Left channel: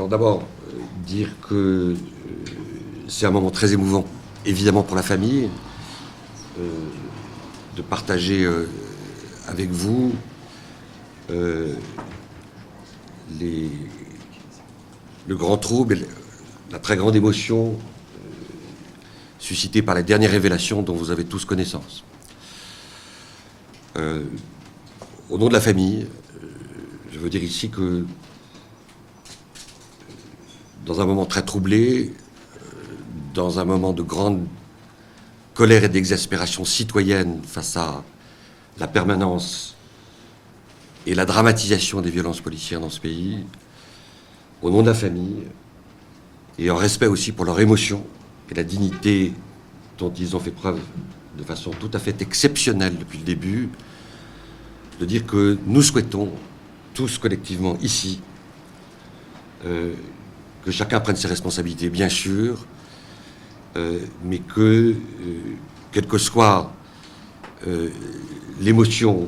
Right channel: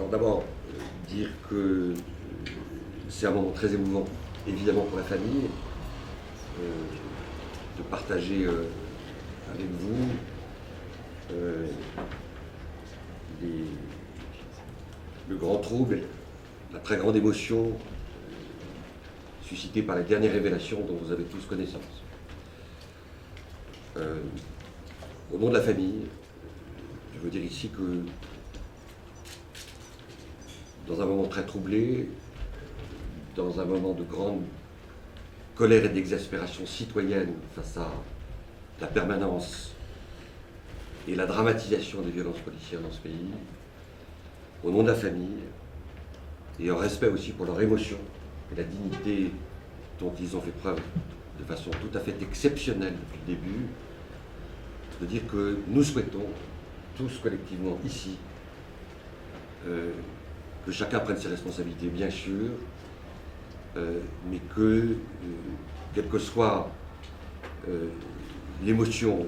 Alors d'abord, dire que c'est un moment très émouvant, évidemment pour la famille, de partager avec vous le grand trouble et la très grande émotion suscitée par les dernières révélations dont vous avez tous connaissance. Au nom de la famille, je veux dire ici que dans un moment très troublé, dans un moment de grande colère et d'exaspération citoyenne face à la permanence et la dramatisation des violences policières dans ce pays, au nom de la famille, et en respect aussi pour leur émotion et la dignité dont ils ont fait preuve de façon tout à fait exceptionnelle depuis le début, de dire que nous souhaitons tous collectivement ici que chacun prenne ses responsabilités, bien sûr, mais que, quelle que soit l'émotion,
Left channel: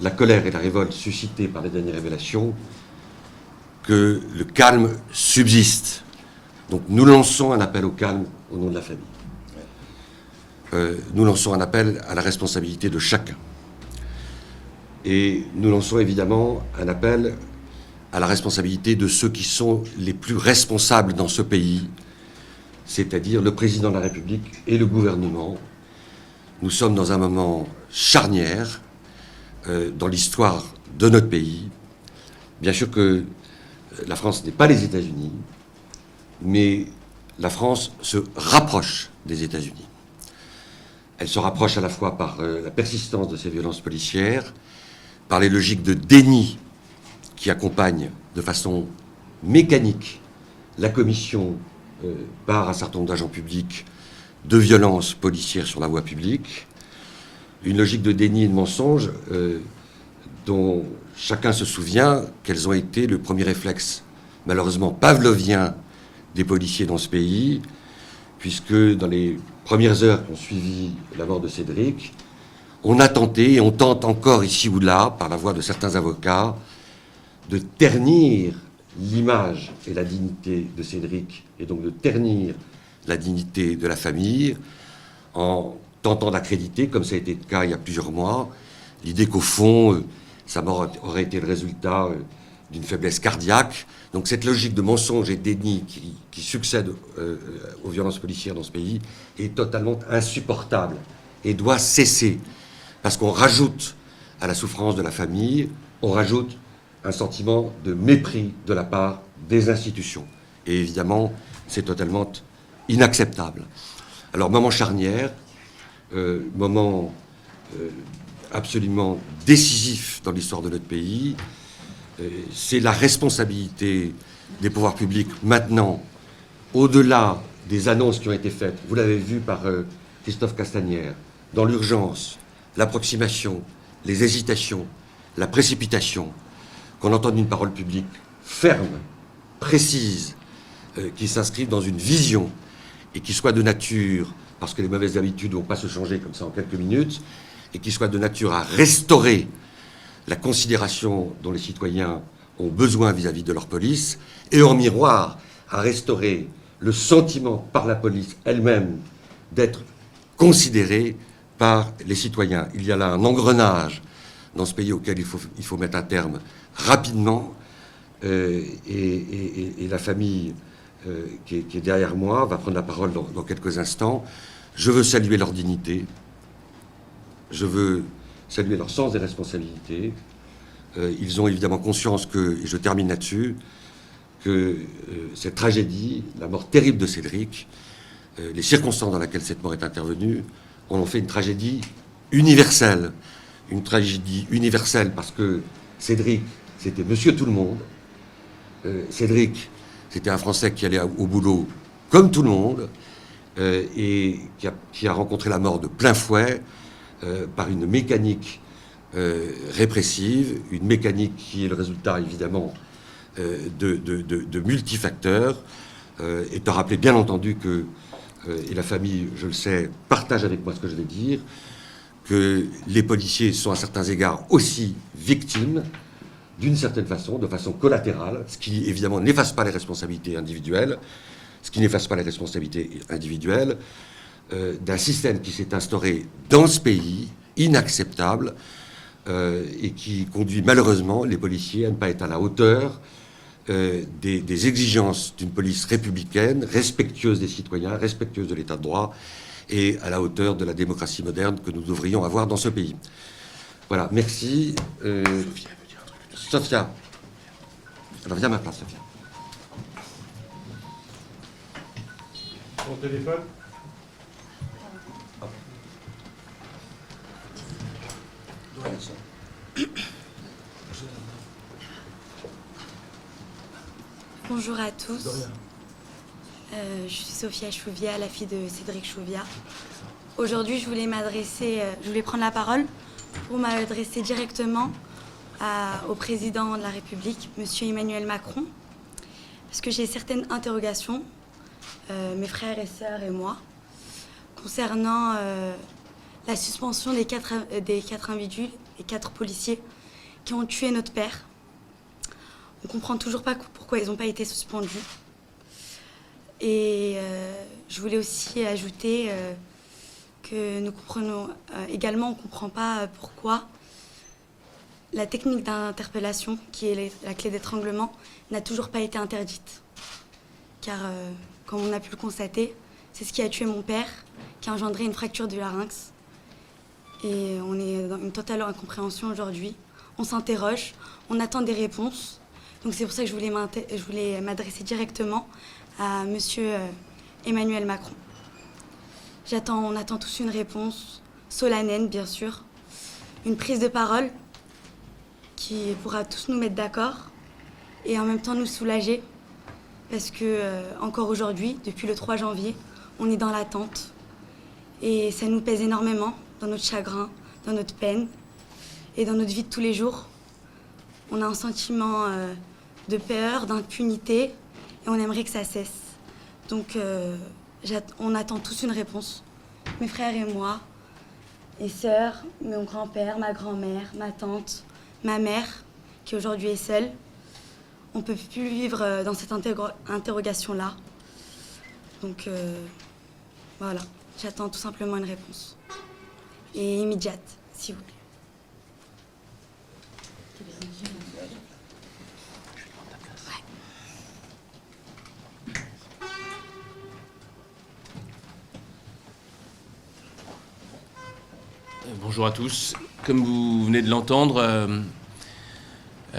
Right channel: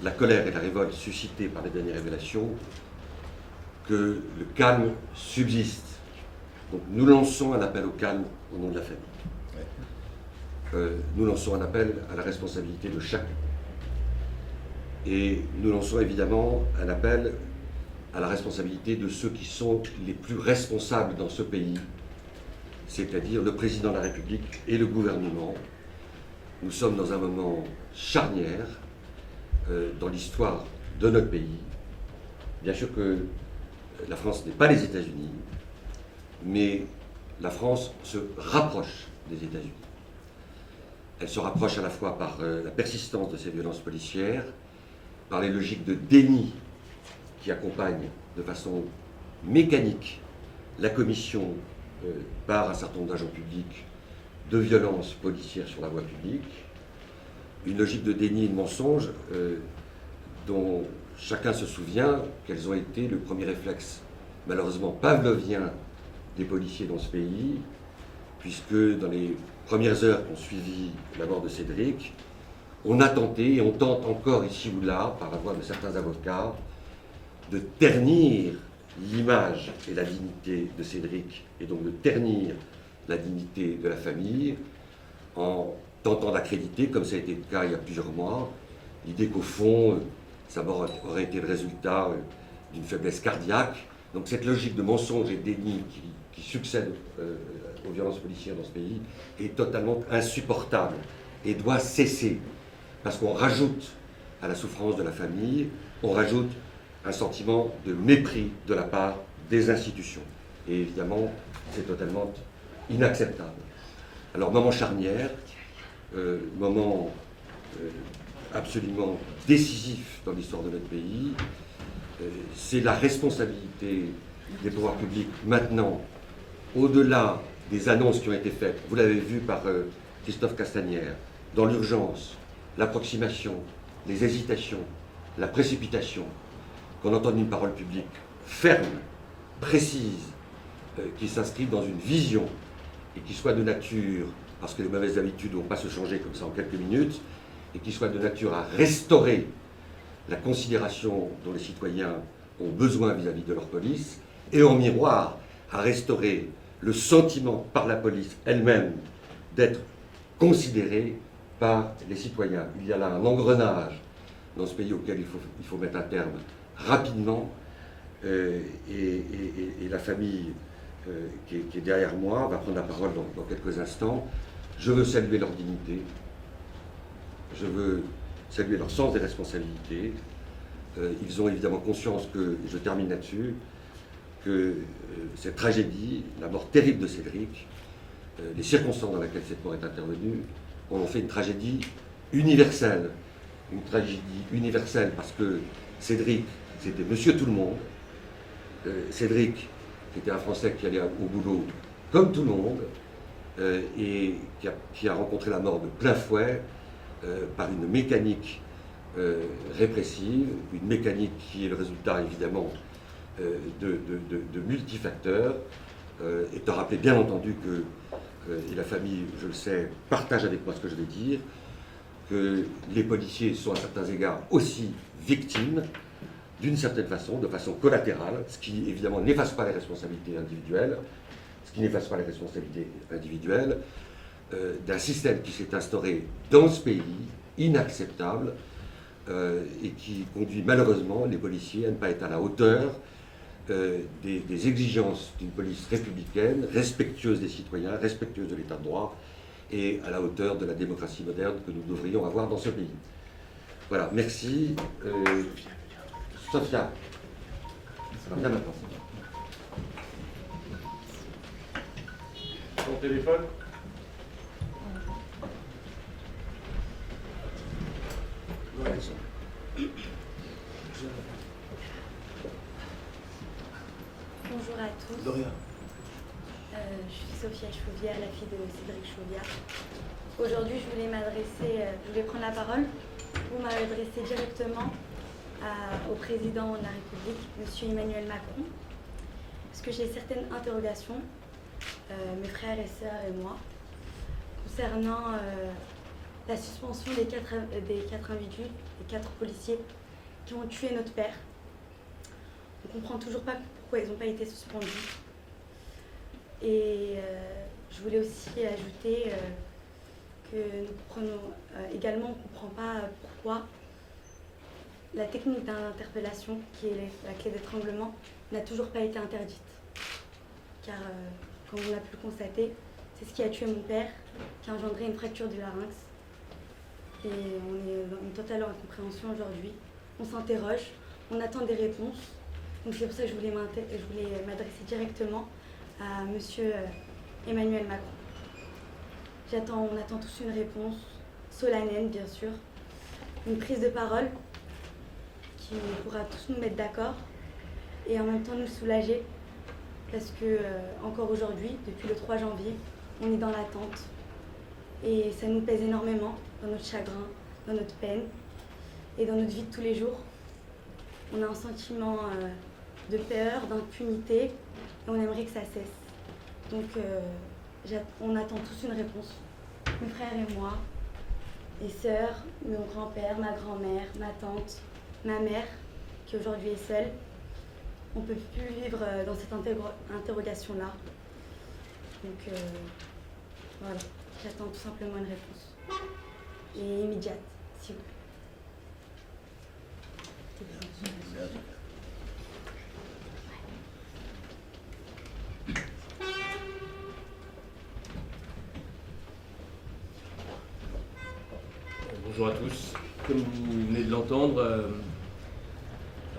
la colère et la révolte suscitées par les dernières révélations, que le calme subsiste. Donc nous lançons un appel au calme au nom de la famille. Nous lançons un appel à la responsabilité de chacun. Et nous lançons évidemment un appel à la responsabilité de ceux qui sont les plus responsables dans ce pays, c'est-à-dire le président de la République et le gouvernement. Nous sommes dans un moment charnière dans l'histoire de notre pays. Bien sûr que la France n'est pas les États-Unis, mais la France se rapproche des États-Unis. Elle se rapproche à la fois par la persistance de ces violences policières, par les logiques de déni qui accompagnent de façon mécanique la commission par un certain nombre d'agents publics de violences policières sur la voie publique, une logique de déni et de mensonge dont chacun se souvient qu'elles ont été le premier réflexe, malheureusement pavlovien, des policiers dans ce pays, puisque dans les premières heures qui ont suivi la mort de Cédric, on a tenté, et on tente encore ici ou là, par la voix de certains avocats, de ternir l'image et la dignité de Cédric, et donc de ternir la dignité de la famille, en tentant d'accréditer, comme ça a été le cas il y a plusieurs mois, l'idée qu'au fond, sa mort aurait été le résultat d'une faiblesse cardiaque. Donc cette logique de mensonge et de déni qui succède aux violences policières dans ce pays est totalement insupportable et doit cesser. Parce qu'on rajoute à la souffrance de la famille, on rajoute un sentiment de mépris de la part des institutions. Et évidemment, c'est totalement inacceptable. Alors, moment charnière, moment absolument décisif dans l'histoire de notre pays, c'est la responsabilité des pouvoirs publics maintenant, au-delà des annonces qui ont été faites, vous l'avez vu par Christophe Castagnère, dans l'urgence, l'approximation, les hésitations, la précipitation, qu'on entende une parole publique ferme, précise, qui s'inscrive dans une vision et qui soit de nature, parce que les mauvaises habitudes ne vont pas se changer comme ça en quelques minutes, et qui soit de nature à restaurer la considération dont les citoyens ont besoin vis-à-vis de leur police, et en miroir à restaurer le sentiment par la police elle-même d'être considérée par les citoyens. Il y a là un engrenage dans ce pays auquel il faut mettre un terme rapidement, et la famille qui est derrière moi va prendre la parole dans quelques instants. Je veux saluer leur dignité, je veux saluer leur sens des responsabilités. Ils ont évidemment conscience que, et je termine là-dessus, que cette tragédie, la mort terrible de Cédric, les circonstances dans lesquelles cette mort est intervenue, en ont fait une tragédie universelle. Une tragédie universelle parce que Cédric, c'était monsieur tout le monde. Cédric, c'était un Français qui allait au boulot comme tout le monde et qui a rencontré la mort de plein fouet par une mécanique répressive, une mécanique qui est le résultat évidemment de multifacteurs, étant rappelé bien entendu que, et la famille, je le sais, partage avec moi ce que je vais dire, que les policiers sont à certains égards aussi victimes d'une certaine façon, de façon collatérale, ce qui évidemment n'efface pas les responsabilités individuelles, d'un système qui s'est instauré dans ce pays, inacceptable, et qui conduit malheureusement les policiers à ne pas être à la hauteur des exigences d'une police républicaine, respectueuse des citoyens, respectueuse de l'état de droit, et à la hauteur de la démocratie moderne que nous devrions avoir dans ce pays. Voilà, merci. Sophia. Alors, viens à ma place, Sophia. Ton téléphone ? Bonjour à tous. Je suis Sophia Chouvia, la fille de Cédric Chouvia. Aujourd'hui, je voulais prendre la parole pour m'adresser directement au président de la République, Monsieur Emmanuel Macron, parce que j'ai certaines interrogations, mes frères et sœurs et moi, concernant la suspension des quatre individus, les 4 policiers qui ont tué notre père. On ne comprend toujours pas pourquoi ils n'ont pas été suspendus. Et je voulais aussi ajouter que nous comprenons également, on ne comprend pas pourquoi la technique d'interpellation, qui est la clé d'étranglement, n'a toujours pas été interdite. Car, comme on a pu le constater, c'est ce qui a tué mon père, qui a engendré une fracture du larynx. Et on est dans une totale incompréhension aujourd'hui. On s'interroge, on attend des réponses. Donc c'est pour ça que je voulais m'adresser directement à Monsieur Emmanuel Macron. On attend tous une réponse solennelle, bien sûr, une prise de parole qui pourra tous nous mettre d'accord et en même temps nous soulager parce que encore aujourd'hui, depuis le 3 janvier, on est dans l'attente et ça nous pèse énormément dans notre chagrin, dans notre peine et dans notre vie de tous les jours. On a un sentiment de peur, d'impunité et on aimerait que ça cesse. Donc on attend tous une réponse, mes frères et moi, mes sœurs, mon grand-père, ma grand-mère, ma tante, ma mère, qui aujourd'hui est seule. On ne peut plus vivre dans cette interrogation-là. Donc voilà, j'attends tout simplement une réponse. Et immédiate, s'il vous plaît. Bonjour à tous. Comme vous venez de l'entendre,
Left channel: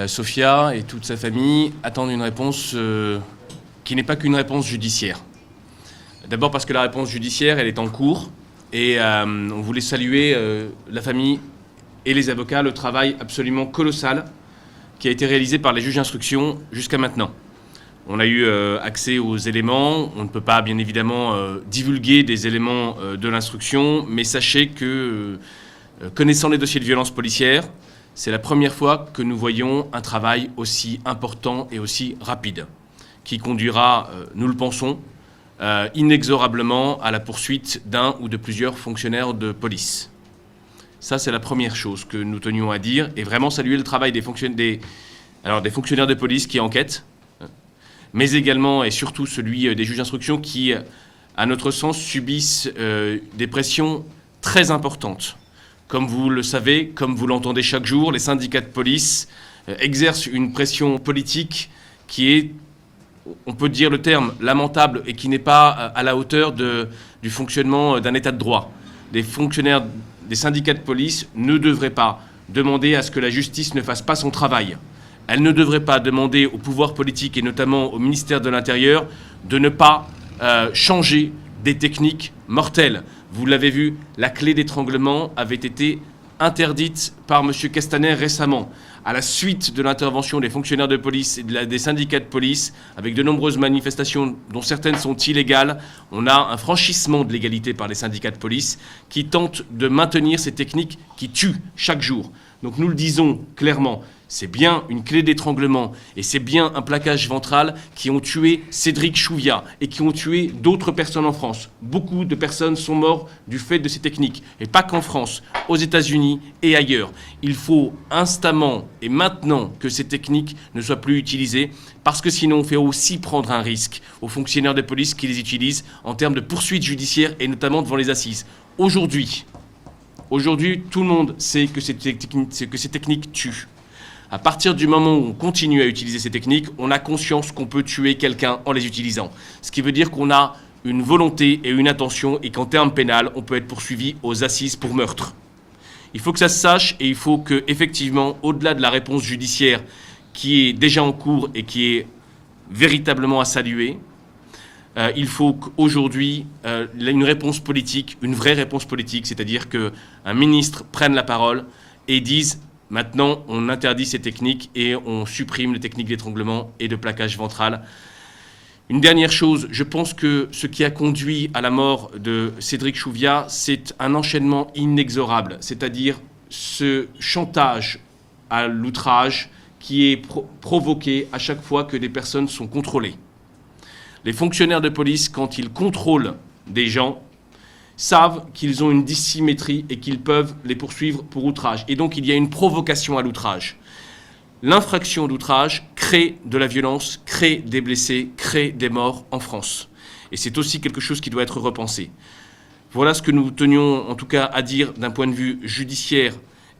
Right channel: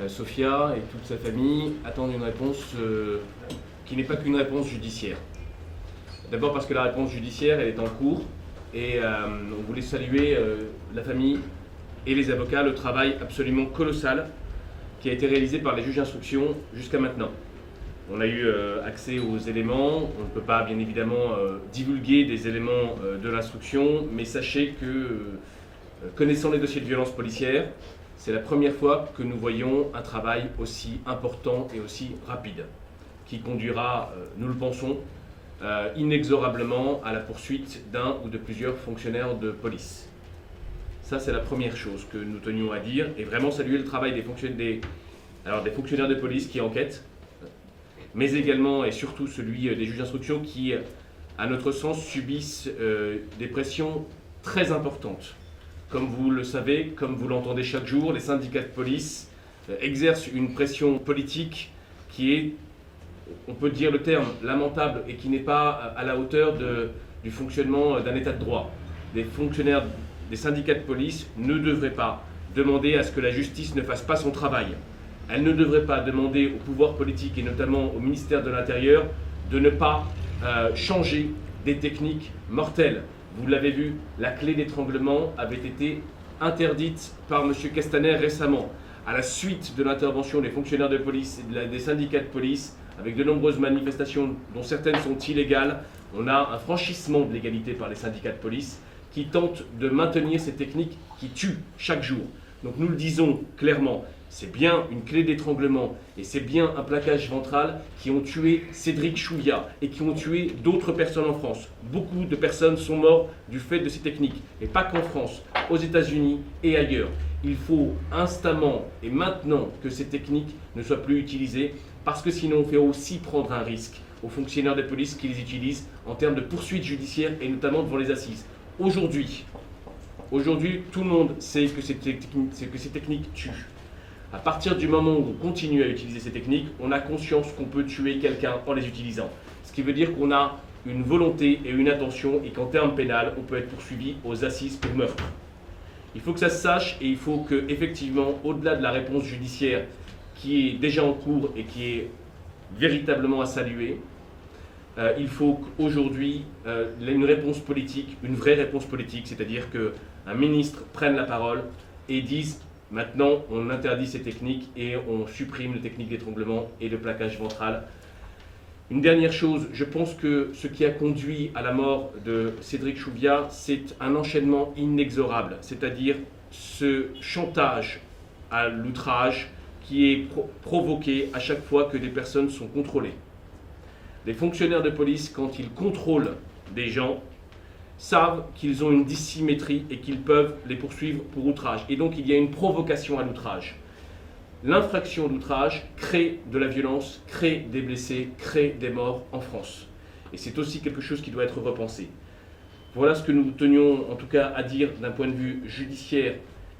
Sophia et toute sa famille attendent une réponse qui n'est pas qu'une réponse judiciaire. D'abord parce que la réponse judiciaire, elle est en cours et on voulait saluer la famille et les avocats, le travail absolument colossal qui a été réalisé par les juges d'instruction jusqu'à maintenant. On a eu accès aux éléments, on ne peut pas bien évidemment divulguer des éléments de l'instruction, mais sachez que connaissant les dossiers de violence policière, c'est la première fois que nous voyons un travail aussi important et aussi rapide, qui conduira, nous le pensons, inexorablement à la poursuite d'un ou de plusieurs fonctionnaires de police. Ça, c'est la première chose que nous tenions à dire, et vraiment saluer le travail des fonctionnaires de police qui enquêtent, mais également et surtout celui des juges d'instruction qui, à notre sens, subissent des pressions très importantes. Comme vous le savez, comme vous l'entendez chaque jour, les syndicats de police exercent une pression politique qui est, on peut dire le terme, lamentable et qui n'est pas à la hauteur du fonctionnement d'un état de droit. Les fonctionnaires des syndicats de police ne devraient pas demander à ce que la justice ne fasse pas son travail. Elle ne devrait pas demander au pouvoir politique et notamment au ministère de l'Intérieur de ne pas changer des techniques mortelles. Vous l'avez vu, la clé d'étranglement avait été interdite par M. Castaner récemment, à la suite de l'intervention des fonctionnaires de police et des syndicats de police, avec de nombreuses manifestations dont certaines sont illégales. On a un franchissement de l'égalité par les syndicats de police qui tentent de maintenir ces techniques qui tuent chaque jour. Donc nous le disons clairement, c'est bien une clé d'étranglement et c'est bien un plaquage ventral qui ont tué Cédric Chouviat et qui ont tué d'autres personnes en France. Beaucoup de personnes sont mortes du fait de ces techniques, et pas qu'en France, aux États-Unis et ailleurs. Il faut instamment et maintenant que ces techniques ne soient plus utilisées, parce que sinon on fait aussi prendre un risque aux fonctionnaires de police qui les utilisent en termes de poursuites judiciaires et notamment devant les assises. Aujourd'hui, tout le monde sait que ces techniques tuent. À partir du moment où on continue à utiliser ces techniques, on a conscience qu'on peut tuer quelqu'un en les utilisant. Ce qui veut dire qu'on a une volonté et une intention et qu'en termes pénal, on peut être poursuivi aux assises pour meurtre. Il faut que ça se sache et il faut que, effectivement, au-delà de la réponse judiciaire qui est déjà en cours et qui est véritablement à saluer, il faut qu'aujourd'hui, une réponse politique, une vraie réponse politique, c'est-à-dire qu'un ministre prenne la parole et dise « Maintenant, on interdit ces techniques et on supprime les techniques d'étranglement et de plaquage ventral ». Une dernière chose, je pense que ce qui a conduit à la mort de Cédric Chouviat, c'est un enchaînement inexorable, c'est-à-dire ce chantage à l'outrage qui est provoqué à chaque fois que des personnes sont contrôlées. Les fonctionnaires de police, quand ils contrôlent des gens, savent qu'ils ont une dissymétrie et qu'ils peuvent les poursuivre pour outrage. Et donc il y a une provocation à l'outrage. L'infraction d'outrage crée de la violence, crée des blessés, crée des morts en France. Et c'est aussi quelque chose qui doit être repensé. Voilà ce que nous tenions en tout cas à dire d'un point de vue judiciaire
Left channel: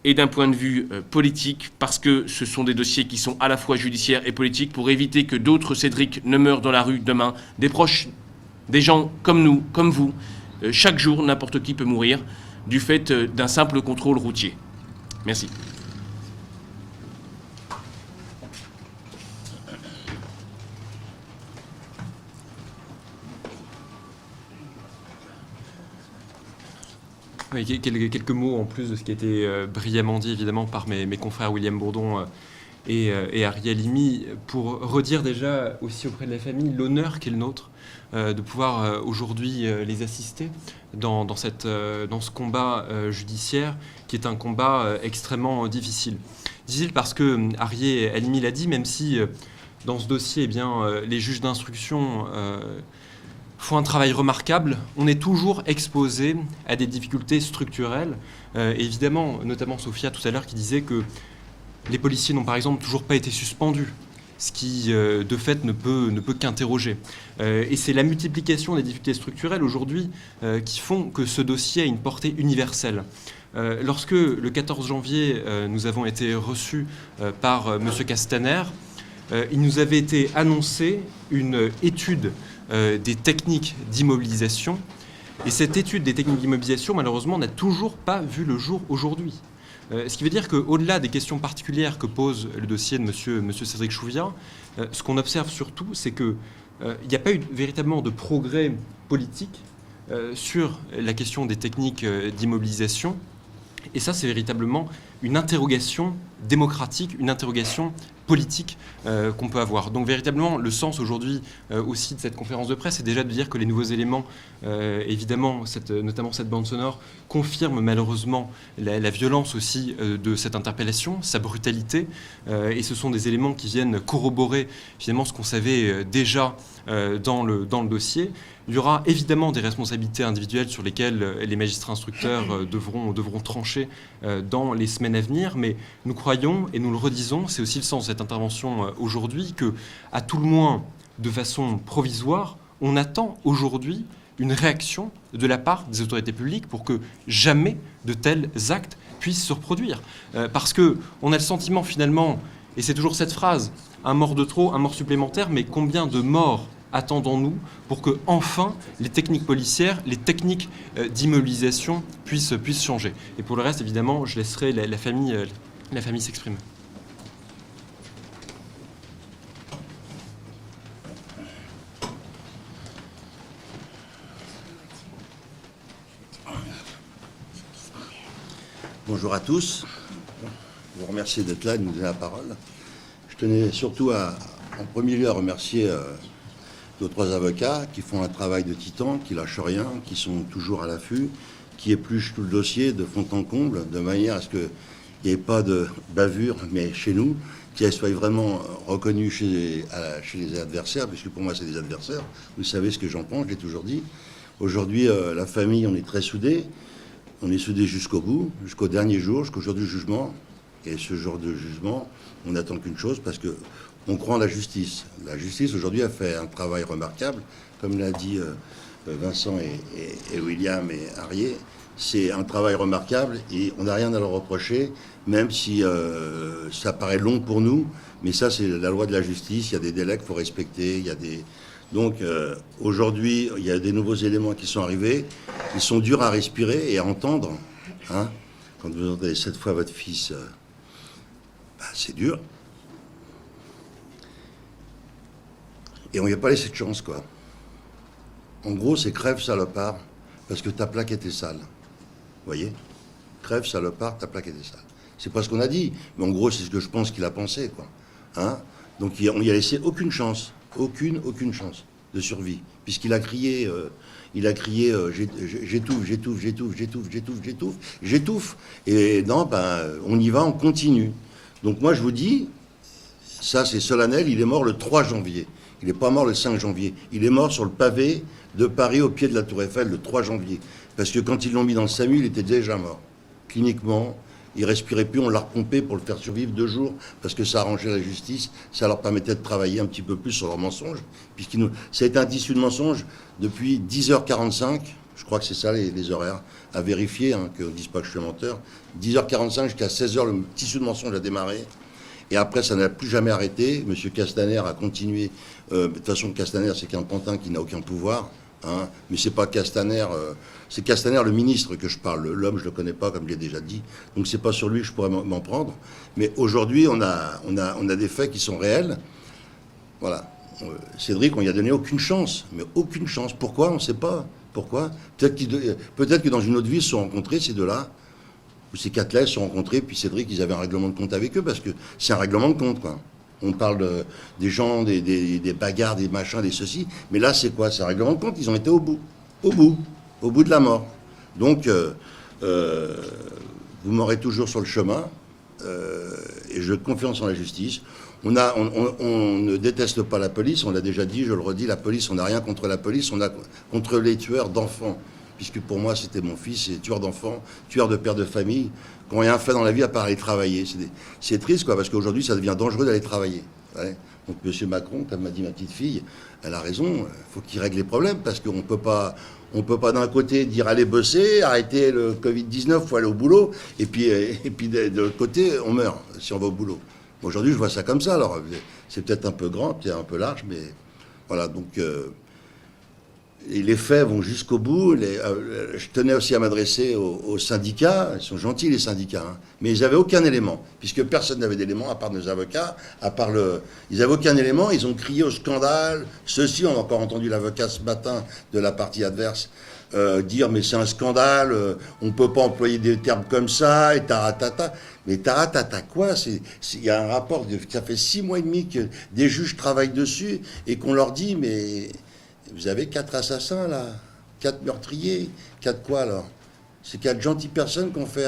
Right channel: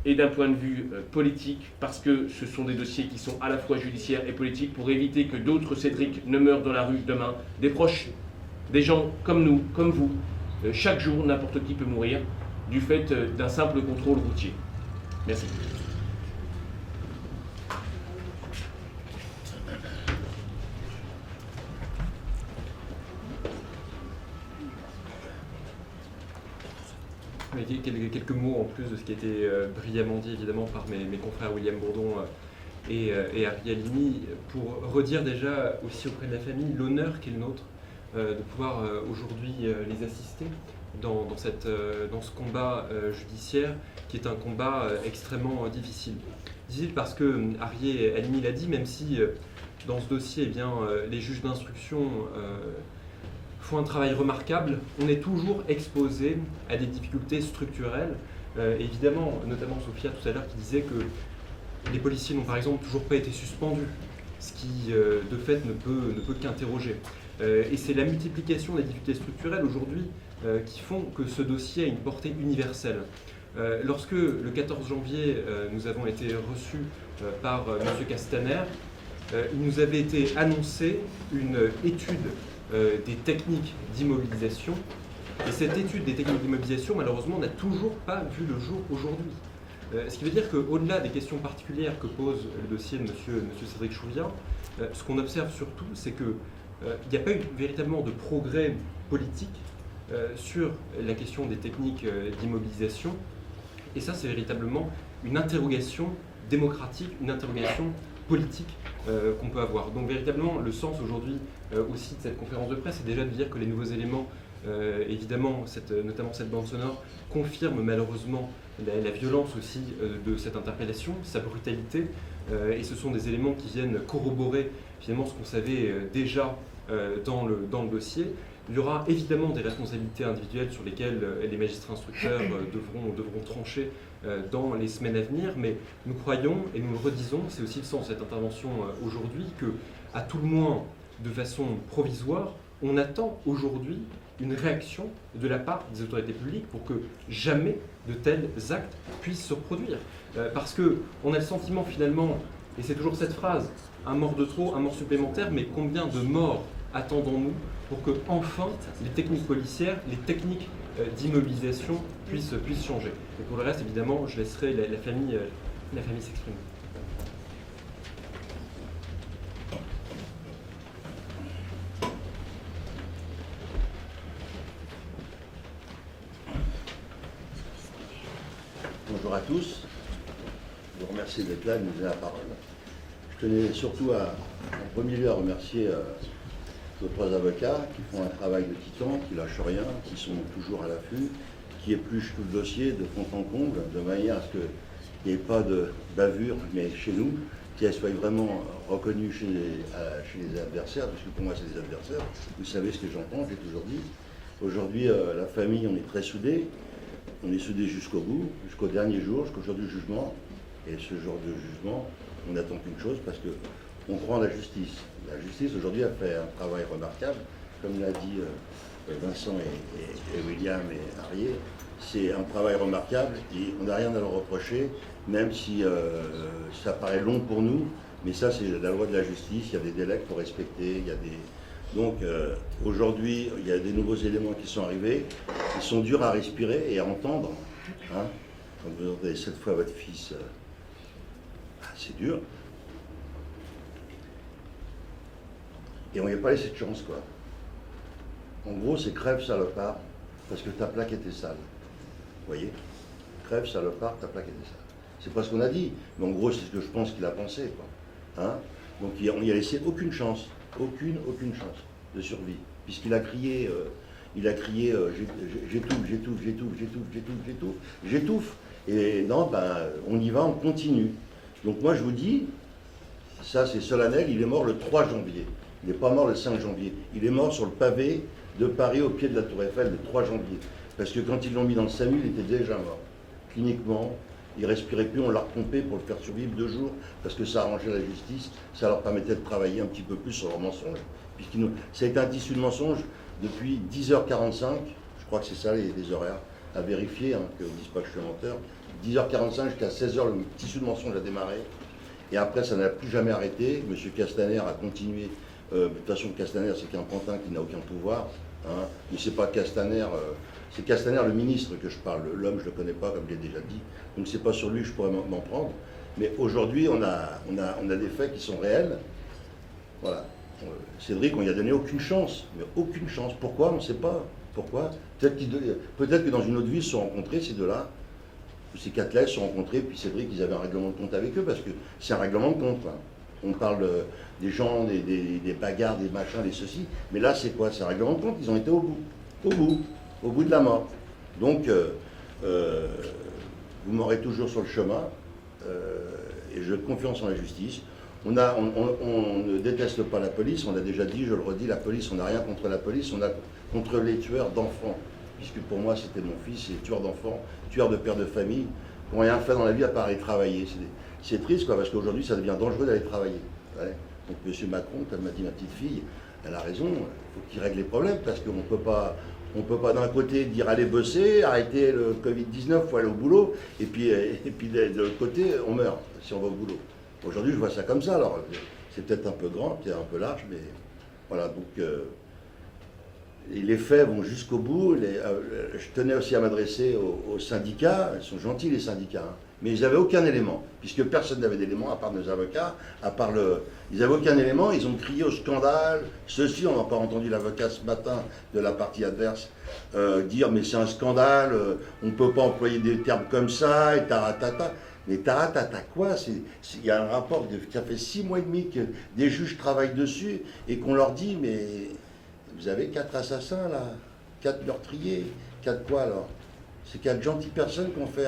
et d'un point de vue politique, parce que ce sont des dossiers qui sont à la fois judiciaires et politiques, pour éviter que d'autres Cédric ne meurent dans la rue demain, des proches, des gens comme nous, comme vous. Chaque jour, n'importe qui peut mourir du fait d'un simple contrôle routier. Merci. Oui, quelques mots en plus de ce qui a été brillamment dit évidemment par mes confrères William Bourdon et Ariel Imi, pour redire déjà aussi auprès de la famille l'honneur qu'est le nôtre de pouvoir aujourd'hui les assister dans ce combat judiciaire qui est un combat extrêmement difficile. Difficile parce que Ariel Imi l'a dit, même si dans ce dossier, eh bien, les juges d'instruction font un travail remarquable, on est toujours exposé à des difficultés structurelles. Évidemment, notamment Sophia tout à l'heure qui disait que les policiers n'ont par exemple toujours pas été suspendus, ce qui de fait ne peut qu'interroger. Et c'est la multiplication des difficultés structurelles aujourd'hui qui font que ce dossier a une portée universelle. Lorsque le 14 janvier, nous avons été reçus par M. Castaner, il nous avait été annoncé une étude des techniques d'immobilisation. Et cette étude des techniques d'immobilisation, malheureusement, n'a toujours pas vu le jour aujourd'hui. Ce qui veut dire qu'au-delà des questions particulières que pose le dossier de M. Cédric Chouviat, ce qu'on observe surtout, c'est qu'il n'y a pas eu véritablement de progrès politique sur la question des techniques d'immobilisation. Et ça, c'est véritablement une interrogation démocratique, une interrogation politique qu'on peut avoir. Donc véritablement, le sens aujourd'hui aussi de cette conférence de presse, c'est déjà de dire que les nouveaux éléments, évidemment, notamment cette bande sonore, confirment malheureusement la violence aussi de cette interpellation, sa brutalité, et ce sont des éléments qui viennent corroborer finalement ce qu'on savait déjà dans le dossier. Il y aura évidemment des responsabilités individuelles sur lesquelles les magistrats instructeurs devront trancher dans les semaines à venir, mais nous croyons, et nous le redisons, c'est aussi le sens de cette intervention aujourd'hui, que, à tout le moins, de façon provisoire, on attend aujourd'hui une réaction de la part des autorités publiques pour que jamais de tels actes puissent se reproduire. Parce qu'on a le sentiment finalement, et c'est toujours cette phrase, un mort de trop, un mort supplémentaire, mais combien de morts attendons-nous pour que enfin les techniques policières, les techniques d'immobilisation puissent changer. Et pour le reste, évidemment, je laisserai la famille s'exprimer. Bonjour à tous. Je vous remercie d'être là et de nous donner la parole. Je tenais surtout en premier lieu à remercier nos trois avocats qui font un travail de titan, qui lâchent rien, qui sont toujours à l'affût, qui épluchent tout le dossier de fond en comble, de manière à ce que il n'y ait pas de bavure, mais chez nous, qu'elle soit vraiment reconnue chez les adversaires, puisque pour moi c'est des adversaires. Vous savez ce que j'en pense, je l'ai toujours dit. Aujourd'hui, la famille, on est très soudés. On est soudés jusqu'au bout, jusqu'au dernier jour, jusqu'au jour du jugement. Et ce jour de jugement, on n'attend qu'une chose, parce qu'on croit en la justice. La justice, aujourd'hui, a fait un travail remarquable. Comme l'a dit Vincent et William et Arié, c'est un travail remarquable et on n'a rien à leur reprocher, même si ça paraît long pour nous. Mais ça, c'est la loi de la justice. Il y a des délais qu'il faut respecter. Il y a des... Donc, aujourd'hui, il y a des nouveaux éléments qui sont arrivés. Ils sont durs à respirer et à entendre. Hein. Quand vous entendez 7 fois votre fils, c'est dur. Et on lui a pas laissé de chance, quoi. En gros, c'est crève, salopard, parce que ta plaque était sale. Vous voyez? Crève, salopard, ta plaque était sale. C'est pas ce qu'on a dit, mais en gros, c'est ce que je pense qu'il a pensé, quoi. Hein? Donc, on n'y a laissé aucune chance. Aucune chance de survie. Puisqu'il a crié, j'étouffe. Et non, on y va, on continue. Donc moi, je vous dis, ça c'est solennel, il est mort le 3 janvier. Il n'est pas mort le 5 janvier. Il est mort sur le pavé de Paris, au pied de la Tour Eiffel, le 3 janvier. Parce que quand ils l'ont mis dans le SAMU, il était déjà mort. Cliniquement, il respirait plus, on l'a repompé pour le faire survivre 2 jours, parce que ça arrangeait la justice, ça leur permettait de travailler un petit peu plus sur leurs mensonges. Ça a été un tissu de mensonges depuis 10h45, je crois que c'est ça les horaires, à vérifier, hein, qu'on ne dise pas que je suis menteur. 10h45 jusqu'à 16h, le tissu de mensonges a démarré. Et après, ça n'a plus jamais arrêté. M. Castaner a continué. De toute façon, Castaner, c'est qu'un pantin qui n'a aucun pouvoir. Hein, mais c'est pas Castaner, c'est Castaner le ministre que je parle. L'homme, je le connais pas, comme je l'ai déjà dit. Donc c'est pas sur lui que je pourrais m'en prendre. Mais aujourd'hui, on a des faits qui sont réels. Voilà. Cédric, on lui a donné aucune chance. Mais aucune chance. Pourquoi? On ne sait pas. Pourquoi? Peut-être que dans une autre vie, ils se sont rencontrés, ces deux-là. Ou ces quatre-là, ils se sont rencontrés, puis Cédric, ils avaient un règlement de compte avec eux, parce que c'est un règlement de compte, quoi. On parle des gens, des bagarres, des machins, des ceci. Mais là, c'est quoi? C'est un règlement de compte. Ils ont été au bout de la mort. Donc, vous m'aurez toujours sur le chemin. Et je confiance en la justice. On ne déteste pas la police. On l'a déjà dit, je le redis, la police, on n'a rien contre la police. On a contre les tueurs d'enfants. Puisque pour moi, c'était mon fils, c'est tueur d'enfants, tueur de père de famille, qui n'ont rien fait dans la vie à part aller travailler. C'est triste, quoi, parce qu'aujourd'hui, ça devient dangereux d'aller travailler. Ouais. Donc, M. Macron, comme m'a dit ma petite fille, elle a raison, il faut qu'il règle les problèmes, parce qu'on ne peut pas d'un côté dire allez bosser, arrêter le Covid-19, il faut aller au boulot, et puis de l'autre côté, on meurt si on va au boulot. Aujourd'hui, je vois ça comme ça, alors c'est peut-être un peu grand, peut-être un peu large, mais voilà, donc... Et les faits vont jusqu'au bout. Je tenais aussi à m'adresser aux syndicats. Ils sont gentils, les syndicats. Hein. Mais ils n'avaient aucun élément, puisque personne n'avait d'élément, à part nos avocats, Ils n'avaient aucun élément, ils ont crié au scandale. Ceci, on a encore entendu l'avocat ce matin de la partie adverse dire « mais c'est un scandale, on ne peut pas employer des termes comme ça, et taratata ». Mais taratata quoi? Il y a un rapport, ça fait 6 mois et demi que des juges travaillent dessus, et qu'on leur dit « mais... vous avez 4 assassins, là, 4 meurtriers, 4 quoi, alors? C'est 4 gentilles personnes qui ont fait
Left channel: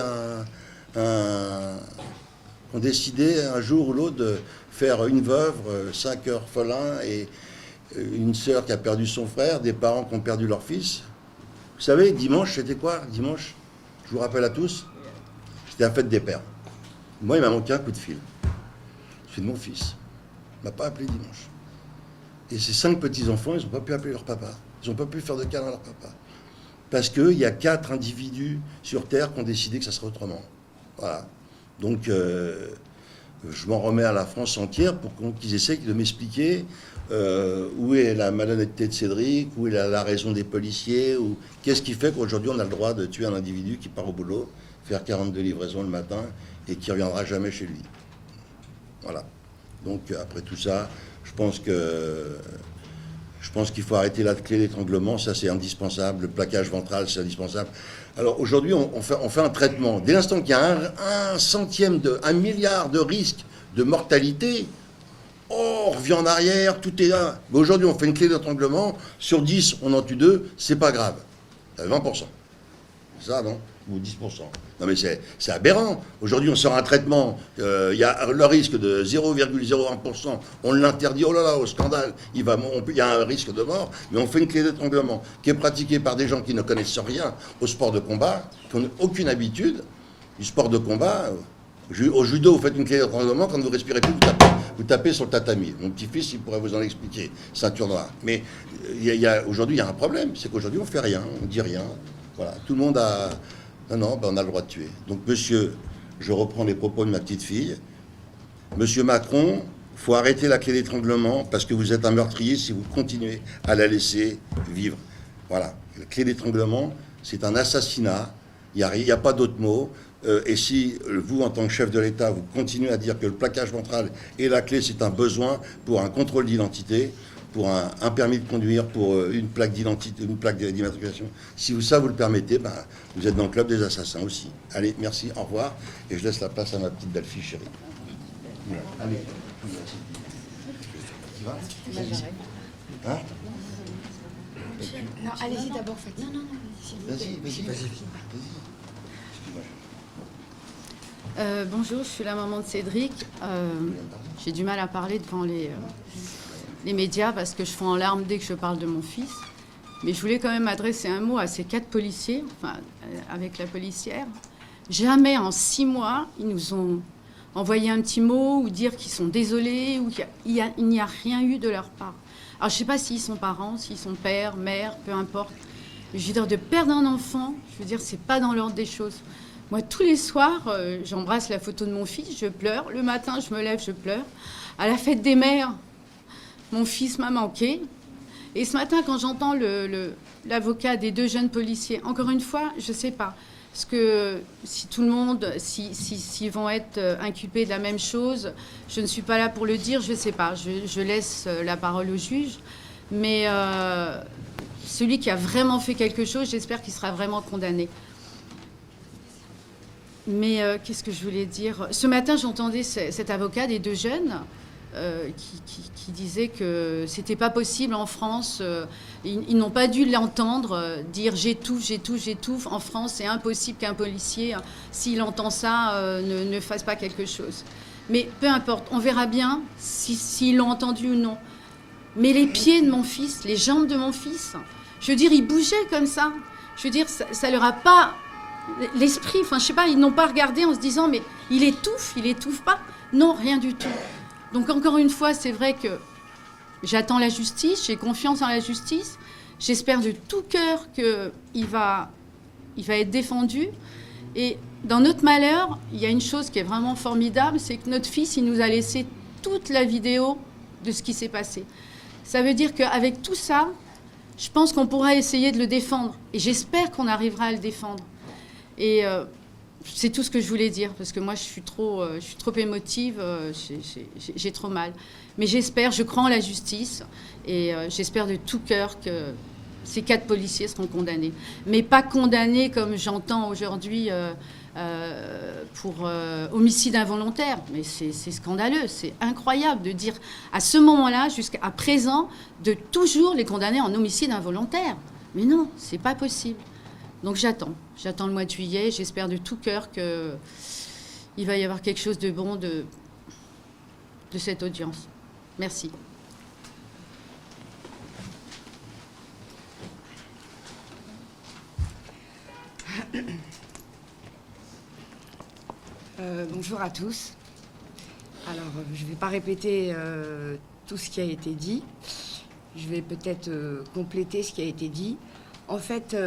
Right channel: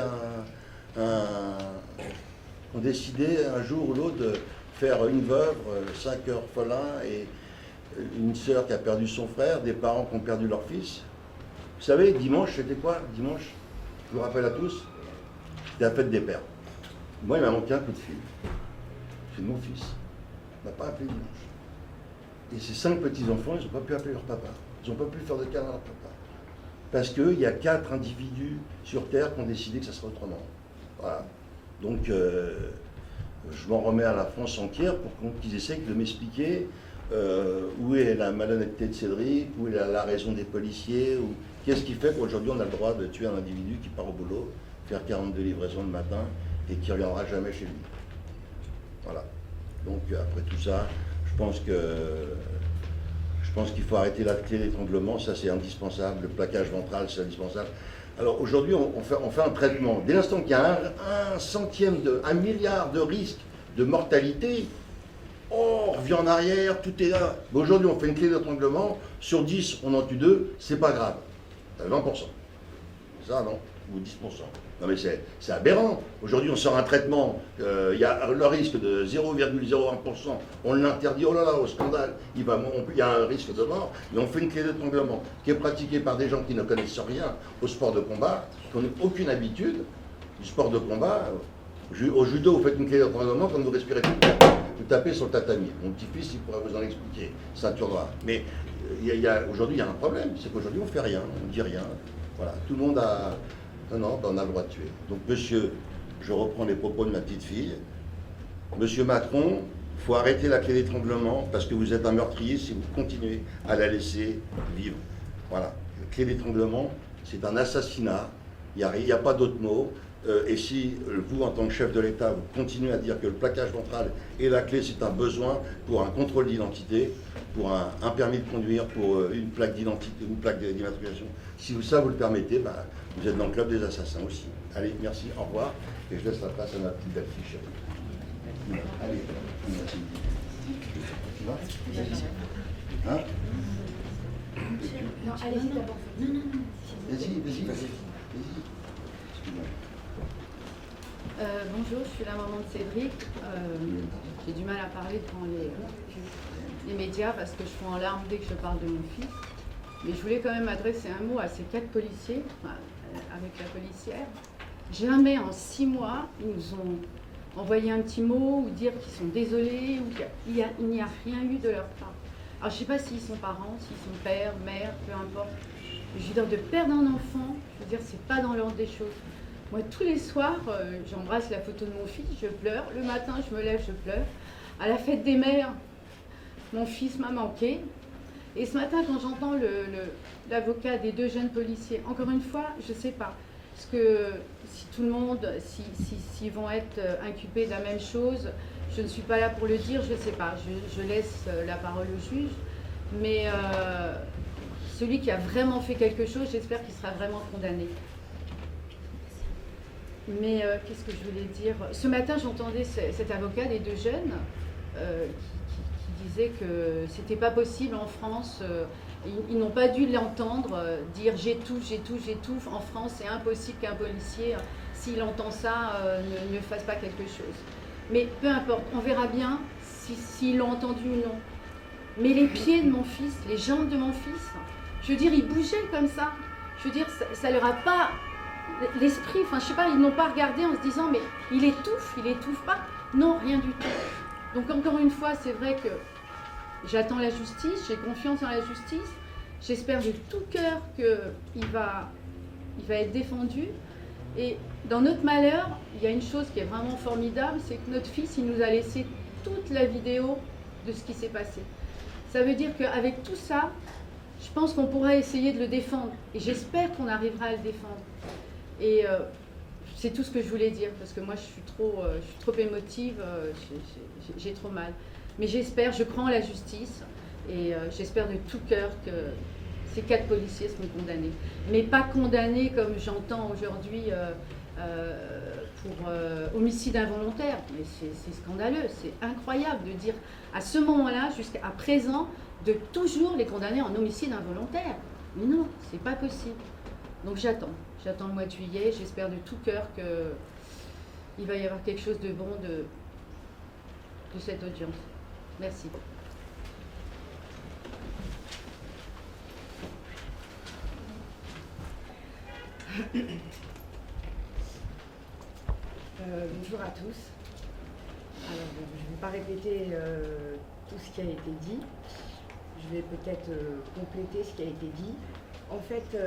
ont décidé un jour ou l'autre de faire une veuve, 5 orphelins et une sœur qui a perdu son frère, des parents qui ont perdu leur fils. Vous savez, dimanche, c'était quoi, dimanche? Je vous rappelle à tous, c'était la fête des pères. Moi, il m'a manqué un coup de fil. C'est de mon fils. Il ne m'a pas appelé dimanche. Et ces 5 petits-enfants, ils n'ont pas pu appeler leur papa. Ils n'ont pas pu faire de câlin à leur papa. Parce qu'il y a 4 individus sur Terre qui ont décidé que ça serait autrement. Voilà. Donc, je m'en remets à la France entière pour qu'ils essayent de m'expliquer où est la malhonnêteté de Cédric, où est la raison des policiers, ou qu'est-ce qui fait qu'aujourd'hui on a le droit de tuer un individu qui part au boulot, faire 42 livraisons le matin et qui ne reviendra jamais chez lui. Voilà. Donc, après tout ça, je pense qu'il faut arrêter la clé d'étranglement, ça c'est indispensable, le plaquage ventral c'est indispensable. Alors aujourd'hui on fait un traitement. Dès l'instant qu'il y a un milliard de risques de mortalité, on revient en arrière, tout est là. Mais aujourd'hui on fait une clé d'étranglement, sur 10 on en tue 2, c'est pas grave. 20%. C'est ça, non? ou 10%. Non mais c'est aberrant. Aujourd'hui, on sort un traitement, il y a le risque de 0,01%, on l'interdit, oh là là, au scandale, il y a un risque de mort, mais on fait une clé d'étranglement qui est pratiquée par des gens qui ne connaissent rien au sport de combat, qui n'ont aucune habitude du sport de combat. Au judo, vous faites une clé d'étranglement, quand vous respirez plus, vous tapez sur le tatami. Mon petit-fils, il pourrait vous en expliquer, ceinture noire. Mais aujourd'hui, il y a un problème, c'est qu'aujourd'hui, on ne fait rien, on ne dit rien. Voilà, tout le monde a... Non, ben on a le droit de tuer. Donc, monsieur, je reprends les propos de ma petite fille. Monsieur Macron, il faut arrêter la clé d'étranglement parce que vous êtes un meurtrier si vous continuez à la laisser vivre. Voilà, la clé d'étranglement, c'est un assassinat. Il n'y a pas d'autre mot. Et si vous, en tant que chef de l'État, vous continuez à dire que le plaquage ventral et la clé, c'est un besoin pour un contrôle d'identité, pour un permis de conduire, pour une plaque d'identité, une plaque d'immatriculation, si ça vous le permettez, ben, vous êtes dans le club des assassins aussi. Allez, merci, au revoir, et je laisse la place à ma petite belle-fille chérie. Allez, tu vas ? Hein ? Non, allez-y d'abord, faites. Non. Vas-y. Bonjour, je suis la maman de Cédric. J'ai du mal à parler devant les médias parce que je fonds en larmes dès que je parle de mon fils. Mais je voulais quand même adresser un mot à ces 4 policiers, enfin, avec la policière. Jamais en 6 mois, ils nous ont envoyé un petit mot ou dire qu'ils sont désolés ou qu'il n'y a rien eu de leur part. Alors je ne sais pas s'ils sont parents, s'ils sont pères, mères, peu importe. Mais je veux dire, de perdre un enfant, je veux dire, c'est pas dans l'ordre des choses. Moi, tous les soirs, j'embrasse la photo de mon fils, je pleure. Le matin, je me lève, je pleure. À la fête des mères, mon fils m'a manqué. Et ce matin, quand j'entends l'avocat des 2 jeunes policiers, encore une fois, je ne sais pas. Parce que si tout le monde, s'ils vont être inculpés de la même chose, je ne suis pas là pour le dire, je ne sais pas. Je laisse la parole au juge. Mais celui qui a vraiment fait quelque chose, j'espère qu'il sera vraiment condamné. Mais qu'est-ce que je voulais dire ? Ce matin, j'entendais cet avocat des 2 jeunes qui disait que c'était pas possible en France. Ils n'ont pas dû l'entendre dire j'étouffe. En France, c'est impossible qu'un policier, s'il entend ça, ne fasse pas quelque chose. Mais peu importe, on verra bien s'ils l'ont entendu ou non. Mais les pieds de mon fils, les jambes de mon fils, je veux dire, ils bougeaient comme ça. Je veux dire, ça leur a pas... L'esprit, enfin, je sais pas, ils n'ont pas regardé en se disant, mais il étouffe pas. Non, rien du tout. Donc, encore une fois, c'est vrai que j'attends la justice, j'ai confiance en la justice. J'espère de tout cœur qu'il va être défendu. Et dans notre malheur, il y a une chose qui est vraiment formidable, c'est que notre fils, il nous a laissé toute la vidéo de ce qui s'est passé. Ça veut dire qu'avec tout ça, je pense qu'on pourra essayer de le défendre. Et j'espère qu'on arrivera à le défendre. Et c'est tout ce que je voulais dire, parce que moi, je suis trop émotive, j'ai trop mal. Mais j'espère, je crois en la justice, et j'espère de tout cœur que ces 4 policiers seront condamnés. Mais pas condamnés comme j'entends aujourd'hui pour homicide involontaire. Mais c'est scandaleux, c'est incroyable de dire à ce moment-là, jusqu'à présent, de toujours les condamner en homicide involontaire. Mais non, c'est pas possible. Donc j'attends le mois de juillet, j'espère de tout cœur qu'il va y avoir quelque chose de bon de cette audience. Merci. Bonjour à tous. Alors, je ne vais pas répéter tout ce qui a été dit. Je vais peut-être compléter ce qui a été dit. En fait,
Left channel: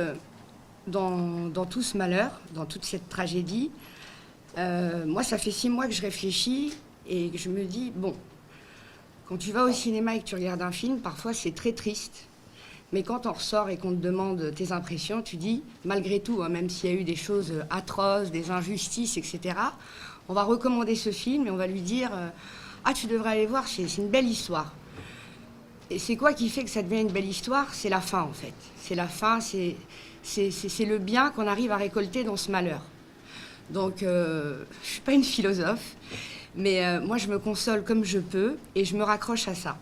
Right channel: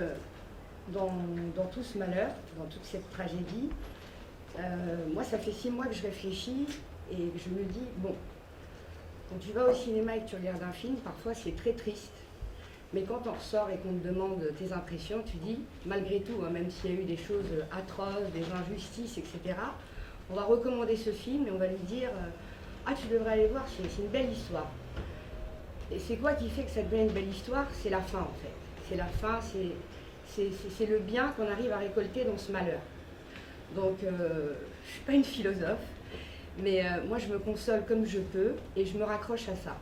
dans tout ce malheur, dans toute cette tragédie, moi, ça fait 6 mois que je réfléchis et que je me dis, bon, quand tu vas au cinéma et que tu regardes un film, parfois c'est très triste. Mais quand on ressort et qu'on te demande tes impressions, tu dis, malgré tout, même s'il y a eu des choses atroces, des injustices, etc., on va recommander ce film et on va lui dire, ah, tu devrais aller voir, c'est une belle histoire. Et c'est quoi qui fait que ça devient une belle histoire ? C'est la fin, en fait. C'est la fin, c'est le bien qu'on arrive à récolter dans ce malheur. Donc, je ne suis pas une philosophe, mais moi, je me console comme je peux et je me raccroche à ça.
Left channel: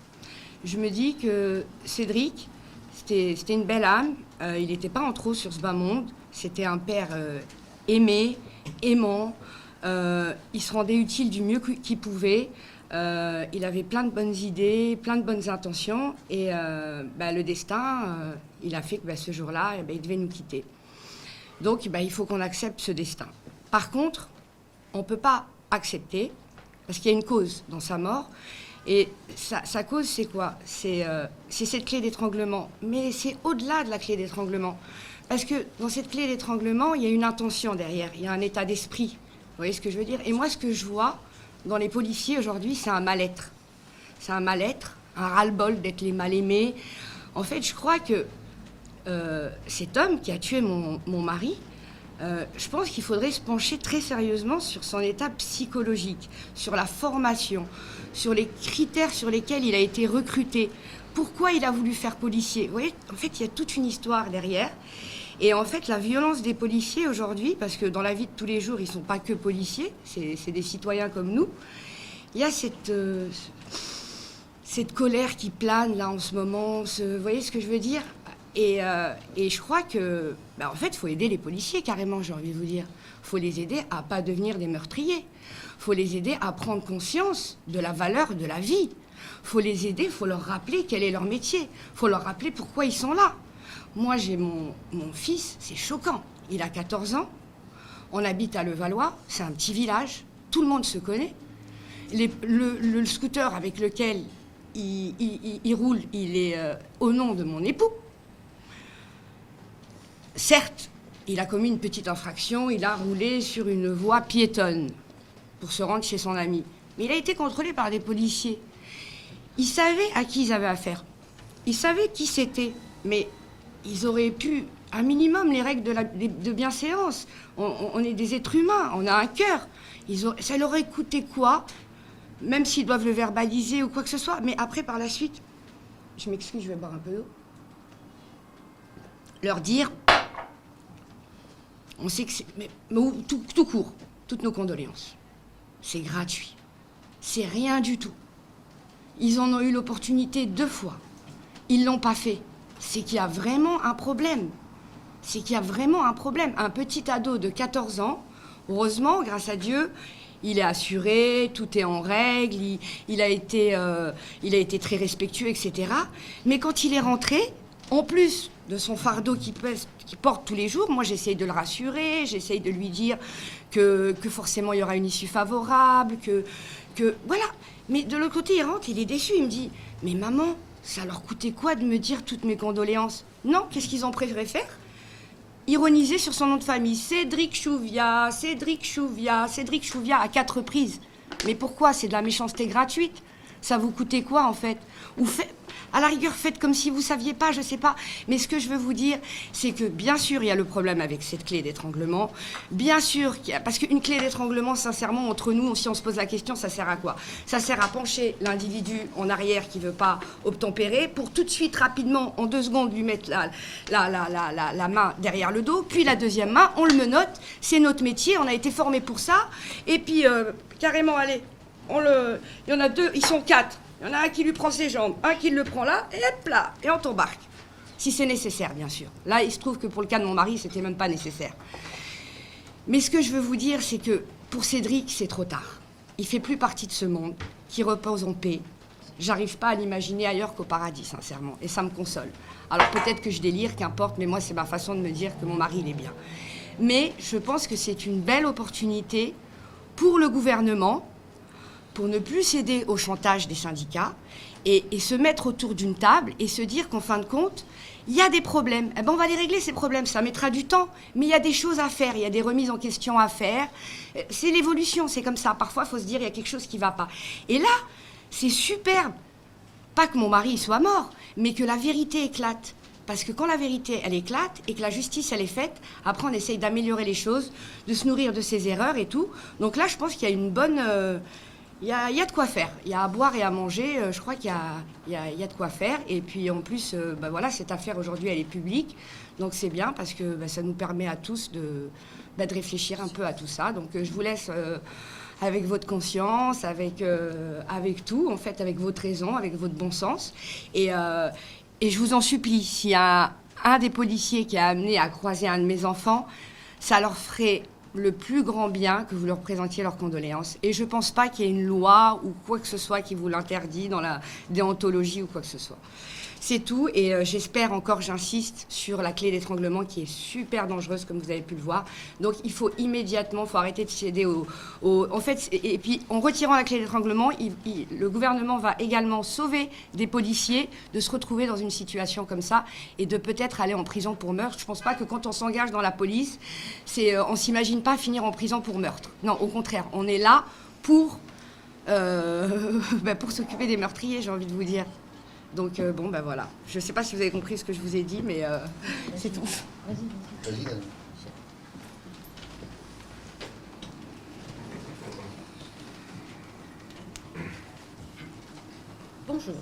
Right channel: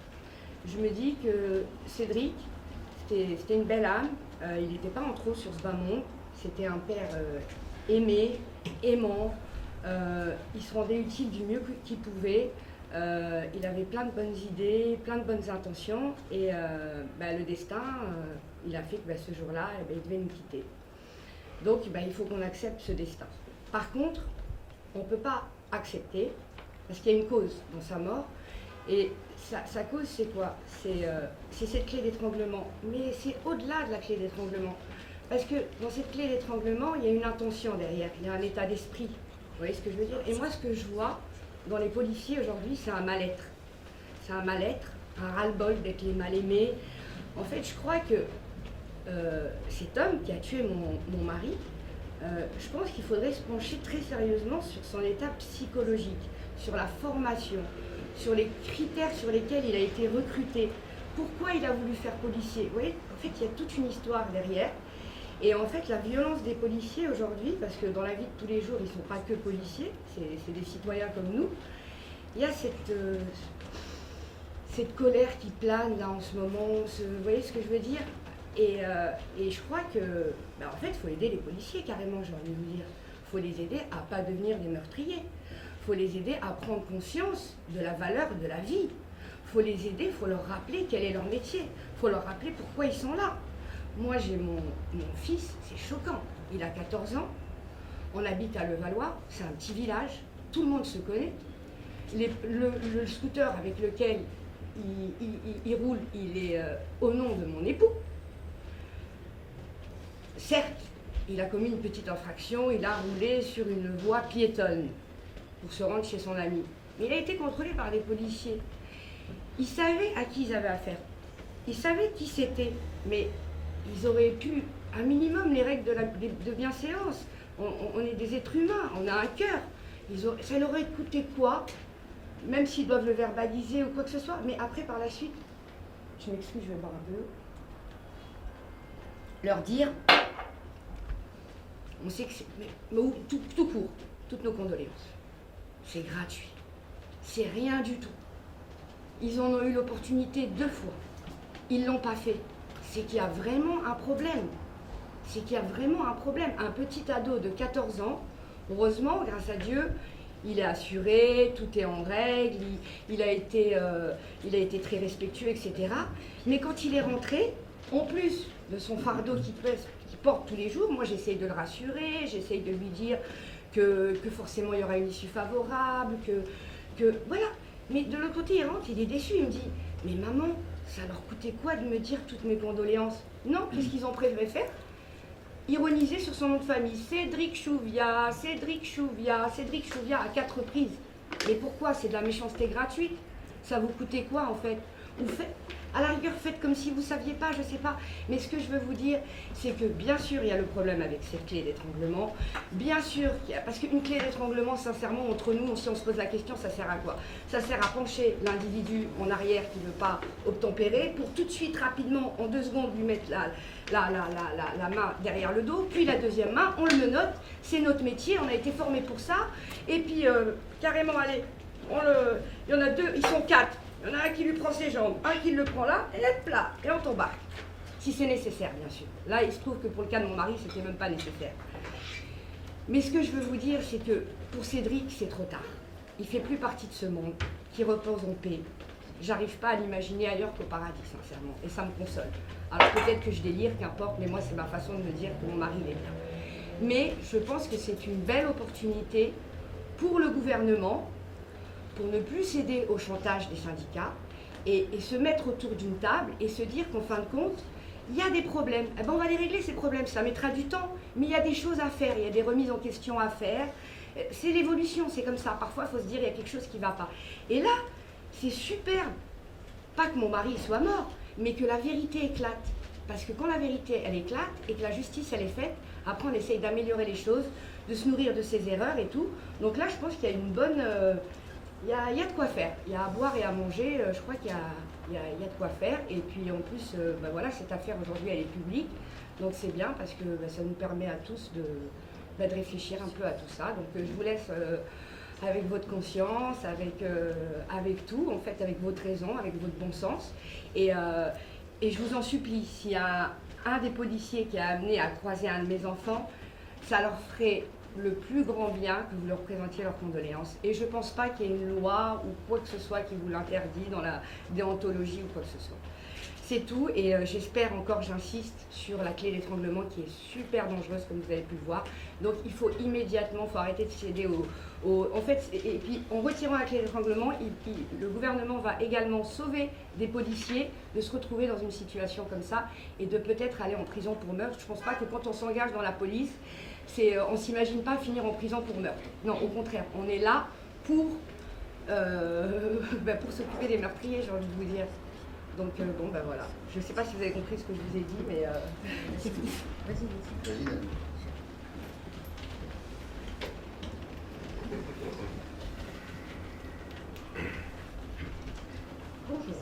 Je me dis que Cédric, c'était une belle âme. Il n'était pas en trop sur ce bas monde. C'était un père aimé, aimant. Il se rendait utile du mieux qu'il pouvait. Il avait plein de bonnes idées, plein de bonnes intentions. Et le destin, il a fait que ce jour-là, il devait nous quitter. Donc il faut qu'on accepte ce destin. Par contre, on ne peut pas accepter, parce qu'il y a une cause dans sa mort. Et sa cause, c'est quoi? C'est cette clé d'étranglement. Mais c'est au-delà de la clé d'étranglement. Parce que dans cette clé d'étranglement, il y a une intention derrière, il y a un état d'esprit. Vous voyez ce que je veux dire? Et moi, ce que je vois dans les policiers aujourd'hui, c'est un mal-être. C'est un mal-être, un ras-le-bol d'être les mal-aimés. En fait, je crois que cet homme qui a tué mon mari, je pense qu'il faudrait se pencher très sérieusement sur son état psychologique, sur la formation, sur les critères sur lesquels il a été recruté. Pourquoi il a voulu faire policier? Vous voyez, en fait, il y a toute une histoire derrière. Et en fait, la violence des policiers aujourd'hui, parce que dans la vie de tous les jours, ils ne sont pas que policiers, c'est des citoyens comme nous, il y a cette colère qui plane là en ce moment, vous voyez ce que je veux dire? Et je crois que, en fait, il faut aider les policiers carrément, j'ai envie de vous dire. Il faut les aider à ne pas devenir des meurtriers. Il faut les aider à prendre conscience de la valeur de la vie. Il faut les aider, il faut leur rappeler quel est leur métier. Il faut leur rappeler pourquoi ils sont là. Moi, j'ai mon fils, c'est choquant. Il a 14 ans, on habite à Levallois, c'est un petit village, tout le monde se connaît. Le scooter avec lequel il roule, il est au nom de mon époux. Certes, il a commis une petite infraction, il a roulé sur une voie piétonne pour se rendre chez son ami. Mais il a été contrôlé par des policiers. Ils savaient à qui ils avaient affaire. Ils savaient qui c'était, mais ils auraient pu, un minimum, les règles de bienséance. On est des êtres humains, on a un cœur. Ça leur aurait coûté quoi? Même s'ils doivent le verbaliser ou quoi que ce soit. Mais après, par la suite, je m'excuse, je vais boire un peu d'eau. Leur dire, on sait que c'est... Mais tout court, toutes nos condoléances. C'est gratuit. C'est rien du tout. Ils en ont eu l'opportunité 2 fois. Ils l'ont pas fait. C'est qu'il y a vraiment un problème. C'est qu'il y a vraiment un problème. Un petit ado de 14 ans, heureusement, grâce à Dieu, il est assuré, tout est en règle, il a été très respectueux, etc. Mais quand il est rentré, en plus de son fardeau qu'il porte tous les jours, moi j'essaye de le rassurer, j'essaye de lui dire que forcément il y aura une issue favorable, que voilà. Mais de l'autre côté, il rentre, il est déçu, il me dit « Mais maman, ça leur coûtait quoi de me dire toutes mes condoléances ?» Non, qu'est-ce qu'ils ont préféré faire? Ironiser sur son nom de famille. Cédric Chouviat, Cédric Chouviat, Cédric Chouviat à 4 reprises. Mais pourquoi? C'est de la méchanceté gratuite. Ça vous coûtait quoi en fait? Ou à la rigueur, faites comme si vous saviez pas, je sais pas. Mais ce que je veux vous dire, c'est que bien sûr, il y a le problème avec cette clé d'étranglement. Bien sûr, parce qu'une clé d'étranglement, sincèrement, entre nous, si on se pose la question, ça sert à quoi? Ça sert à pencher l'individu en arrière qui veut pas obtempérer pour tout de suite, rapidement, en 2 secondes, lui mettre la main derrière le dos. Puis la deuxième main, on le menotte. C'est notre métier, on a été formé pour ça. Et puis, carrément, allez, il y en a 2, ils sont 4. Il y en a un qui lui prend ses jambes, un qui le prend là, et hop là, et on t'embarque. Si c'est nécessaire, bien sûr. Là, il se trouve que pour le cas de mon mari, c'était même pas nécessaire. Mais ce que je veux vous dire, c'est que pour Cédric, c'est trop tard. Il fait plus partie de ce monde, qui repose en paix. J'arrive pas à l'imaginer ailleurs qu'au paradis, sincèrement, et ça me console. Alors peut-être que je délire, qu'importe, mais moi, c'est ma façon de me dire que mon mari, il est bien. Mais je pense que c'est une belle opportunité pour le gouvernement, pour ne plus céder au chantage des syndicats et se mettre autour d'une table et se dire qu'en fin de compte, il y a des problèmes. Eh ben, on va les régler, ces problèmes. Ça mettra du temps, mais il y a des choses à faire, il y a des remises en question à faire. C'est l'évolution, c'est comme ça. Parfois, il faut se dire qu'il y a quelque chose qui ne va pas. Et là, c'est superbe. Pas que mon mari soit mort, mais que la vérité éclate. Parce que quand la vérité, elle éclate et que la justice, elle est faite, après, on essaye d'améliorer les choses, de se nourrir de ses erreurs et tout. Donc là, je pense qu'il y a une bonne... Il y a de quoi faire. Il y a à boire et à manger. Je crois qu'il y a de quoi faire. Et puis en plus, voilà, cette affaire aujourd'hui, elle est publique. Donc c'est bien parce que ça nous permet à tous de réfléchir un peu à tout ça. Donc je vous laisse avec votre conscience, avec tout, en fait, avec votre raison, avec votre bon sens. Et je vous en supplie, s'il y a un des policiers qui a amené à croiser un de mes enfants, ça leur ferait le plus grand bien que vous leur présentiez leurs condoléances. Et je ne pense pas qu'il y ait une loi ou quoi que ce soit qui vous l'interdit dans la déontologie ou quoi que ce soit. C'est tout, et j'espère encore, j'insiste, sur la clé d'étranglement qui est super dangereuse, comme vous avez pu le voir. Donc il faut immédiatement, arrêter de céder en fait, et puis en retirant la clé d'étranglement, le gouvernement va également sauver des policiers de se retrouver dans une situation comme ça et de peut-être aller en prison pour meurtre. Je ne pense pas que quand on s'engage dans la police, on ne s'imagine pas finir en prison pour meurtre. Non, au contraire, on est là pour s'occuper des meurtriers, j'ai envie de vous dire. Donc voilà. Je ne sais pas si vous avez compris ce que je vous ai dit, mais c'est tout. Vas-y. Bonjour,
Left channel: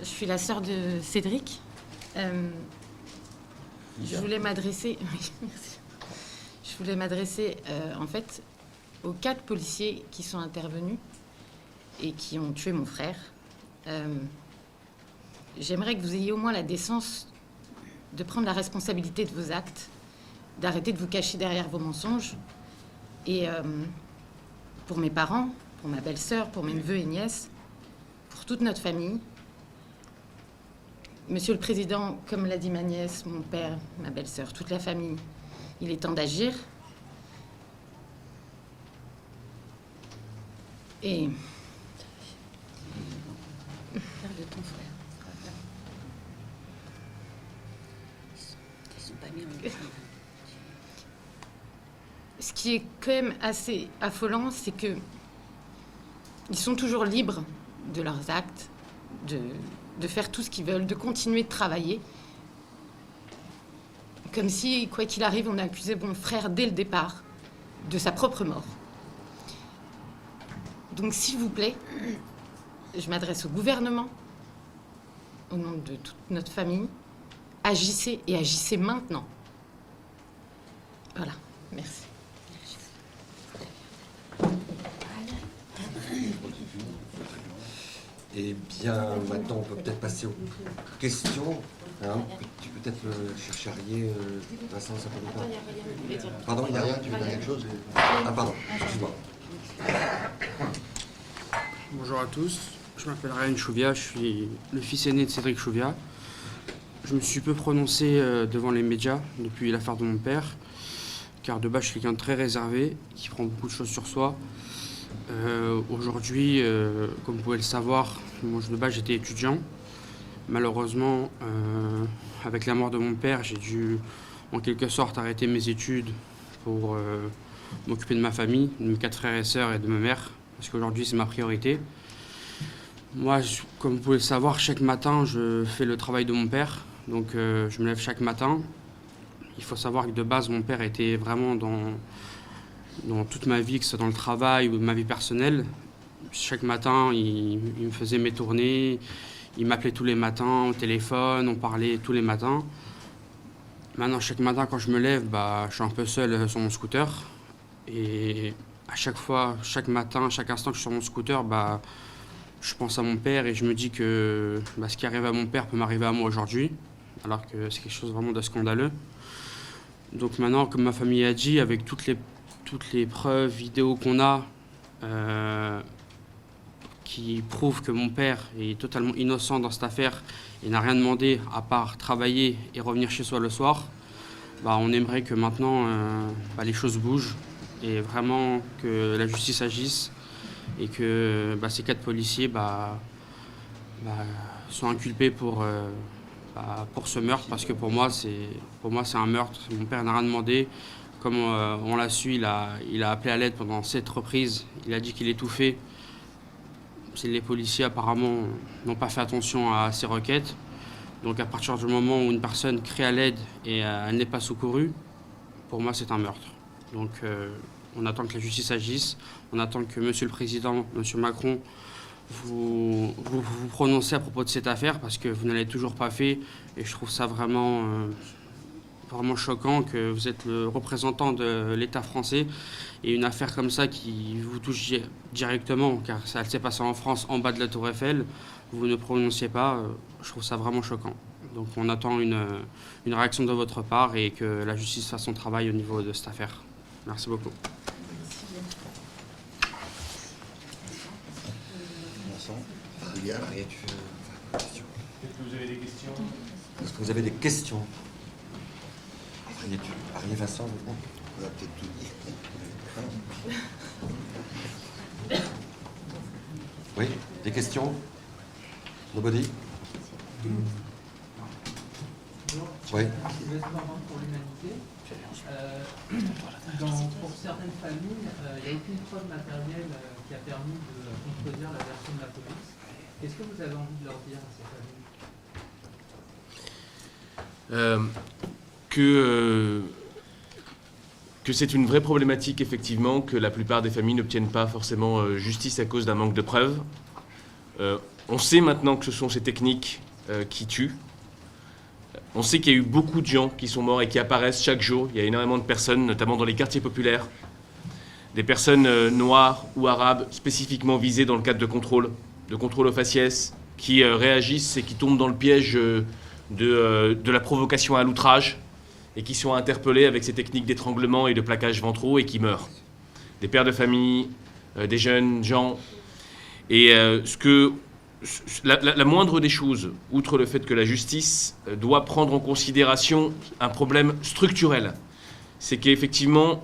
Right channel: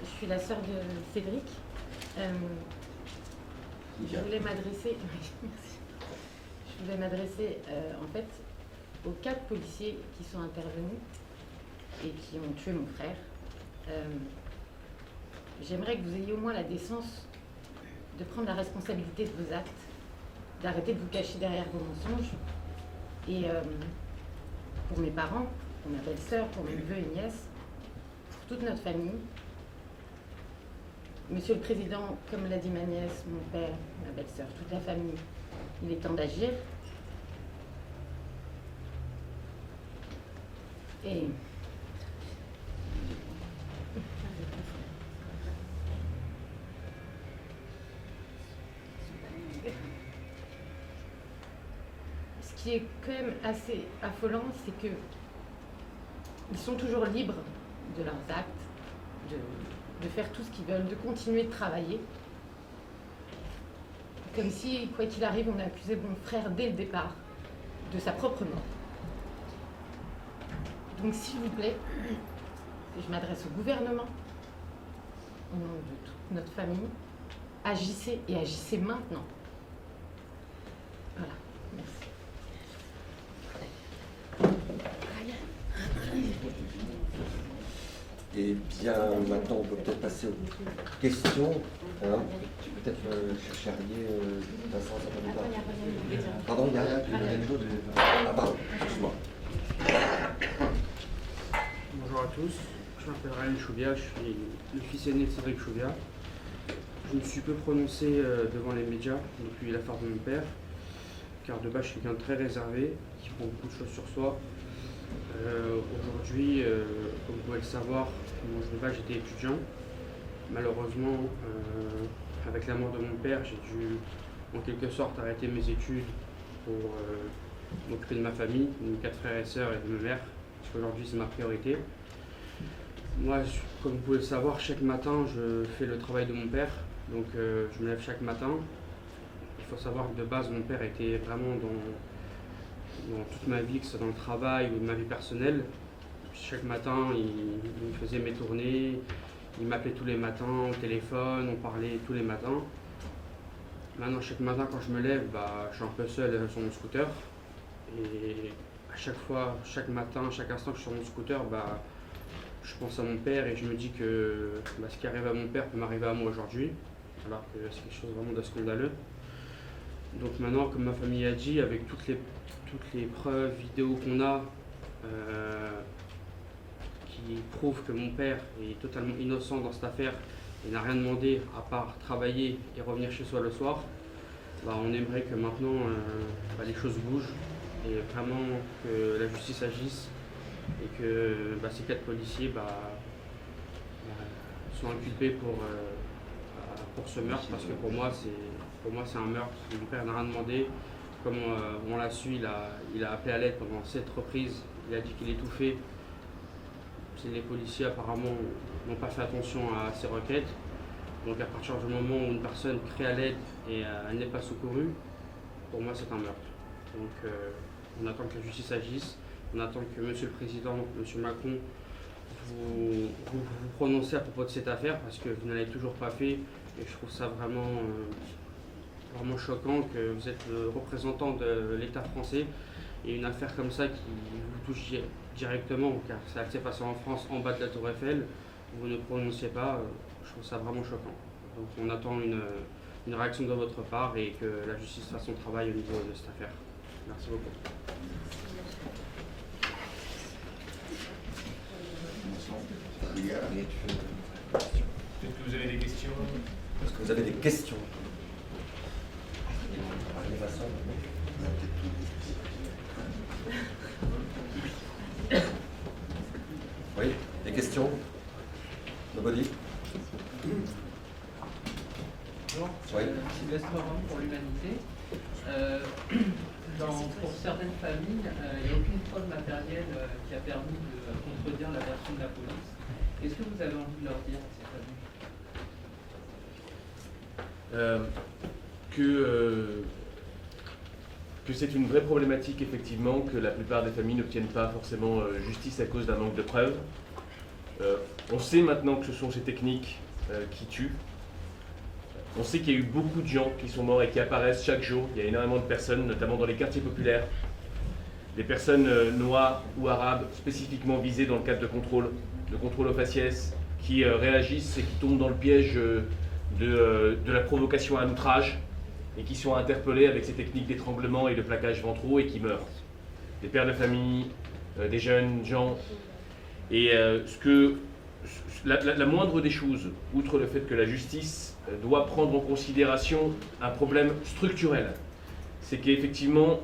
je suis la sœur de Cédric. Je voulais m'adresser, oui, merci. Je voulais m'adresser en fait aux 4 policiers qui sont intervenus et qui ont tué mon frère. J'aimerais que vous ayez au moins la décence de prendre la responsabilité de vos actes, d'arrêter de vous cacher derrière vos mensonges. Et pour mes parents, pour ma belle-sœur, pour mes neveux et nièces, pour toute notre famille, Monsieur le Président, comme l'a dit ma nièce, mon père, ma belle-sœur, toute la famille, il est temps d'agir. Et... Ce qui est quand même assez affolant, c'est que ils sont toujours libres de leurs actes, de faire tout ce qu'ils veulent, de continuer de travailler. Comme si, quoi qu'il arrive, on accusait mon frère dès le départ de sa propre mort. Donc, s'il vous plaît, je m'adresse au gouvernement, au nom de toute notre famille. Agissez et agissez maintenant. Voilà, merci. Eh bien, maintenant, on peut peut-être passer aux questions. Hein. Tu peux peut-être chercher à rier, Vincent, ça peut pas. Pardon, il n'y a rien, tu veux dire quelque chose? Ah, pardon, excuse-moi. Bonjour à tous, je m'appelle Ryan Chouvia, je suis le fils aîné de Cédric Chouvia. Je me suis peu prononcé devant les médias depuis l'affaire de mon père, car de base je suis quelqu'un de très réservé, qui prend beaucoup de choses sur soi. Aujourd'hui, comme vous pouvez le savoir, moi de base j'étais étudiant. Malheureusement, avec la mort de mon père, j'ai dû en quelque sorte arrêter mes études pour m'occuper de ma famille, de mes 4 frères et sœurs et de ma mère, parce qu'aujourd'hui c'est ma priorité. Moi, comme vous pouvez le savoir, chaque matin je fais le travail de mon père, donc je me lève chaque matin. Il faut savoir que de base mon père était vraiment dans toute ma vie, que ce soit dans le travail ou ma vie personnelle. Chaque matin, il me faisait mes tournées, il m'appelait tous les matins au téléphone, on parlait tous les matins. Maintenant, chaque matin, quand je me lève, je suis un peu seul sur mon scooter. Et à chaque fois, chaque matin, chaque instant que je suis sur mon scooter, je pense à mon père et je me dis que ce qui arrive à mon père peut m'arriver à moi aujourd'hui, alors que c'est quelque chose vraiment de scandaleux. Donc maintenant, comme ma famille a dit, avec toutes les preuves vidéo qu'on a qui prouvent que mon père est totalement innocent dans cette affaire et n'a rien demandé à part travailler et revenir chez soi le soir, on aimerait que maintenant les choses bougent et vraiment que la justice agisse et que ces 4 policiers soient inculpés pour ce meurtre, parce que pour moi c'est un meurtre. Mon père n'a rien demandé. Comme on l'a su, il a appelé à l'aide pendant 7 reprises. Il a dit qu'il étouffait. Les policiers apparemment n'ont pas fait attention à ces requêtes. Donc à partir du moment où une personne crie à l'aide et elle n'est pas secourue, pour moi c'est un meurtre. Donc on attend que la justice agisse. On attend que Monsieur le Président, Monsieur Macron, vous prononcez à propos de cette affaire, parce que vous ne l'avez toujours pas fait. Et je trouve ça vraiment choquant que vous êtes le représentant de l'État français et une affaire comme ça qui vous touche directement, car ça s'est passé en France, en bas de la Tour Eiffel, vous ne prononciez pas. Je trouve ça vraiment choquant. Donc on attend une réaction de votre part et que la justice fasse son travail au niveau de cette affaire. Merci beaucoup. Est-ce que vous avez des questions? Est-ce que vous avez des questions? Arié Vincent, On va peut-être tout dire. oui, des questions? Nobody? Bonjour, Oui. Sylvestre Roman pour l'Humanité. Pour certaines familles, il n'y a aucune preuve matérielle qui a permis de contredire la version de la police. Qu'est-ce que vous avez envie de leur dire à ces familles? Que c'est une vraie problématique, effectivement, que la plupart des familles n'obtiennent pas forcément justice à cause d'un manque de preuves. On sait maintenant que ce sont ces techniques qui tuent. On sait qu'il y a eu beaucoup de gens qui sont morts et qui apparaissent chaque jour. Il y a énormément de personnes, notamment dans les quartiers populaires, des personnes noires ou arabes spécifiquement visées dans le cadre de contrôle au faciès, qui réagissent et qui tombent dans le piège de la provocation à l'outrage et qui sont interpellés avec ces techniques d'étranglement et de plaquage ventraux et qui meurent. Des pères de famille, des jeunes gens. Et la moindre des choses, outre le fait que la justice doit prendre en considération un problème structurel, c'est qu'effectivement,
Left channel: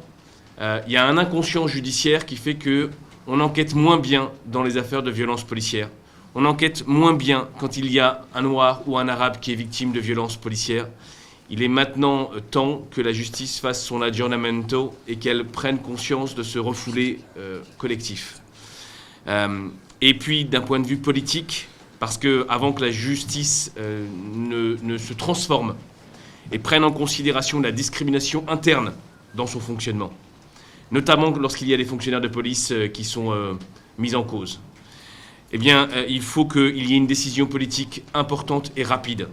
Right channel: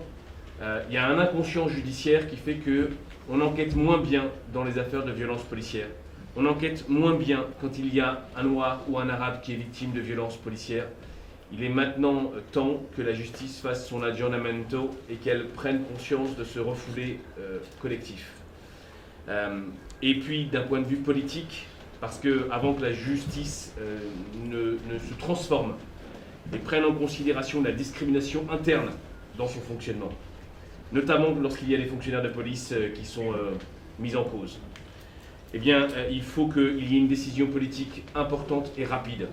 il y a un inconscient judiciaire qui fait qu'on enquête moins bien dans les affaires de violences policières. On enquête moins bien quand il y a un noir ou un arabe qui est victime de violences policières. Il est maintenant temps que la justice fasse son aggiornamento et qu'elle prenne conscience de ce refoulé collectif. Et puis, d'un point de vue politique, parce qu'avant que la justice ne se transforme et prenne en considération la discrimination interne dans son fonctionnement, notamment lorsqu'il y a des fonctionnaires de police qui sont mis en cause, eh bien, il faut qu'il y ait une décision politique importante et rapide.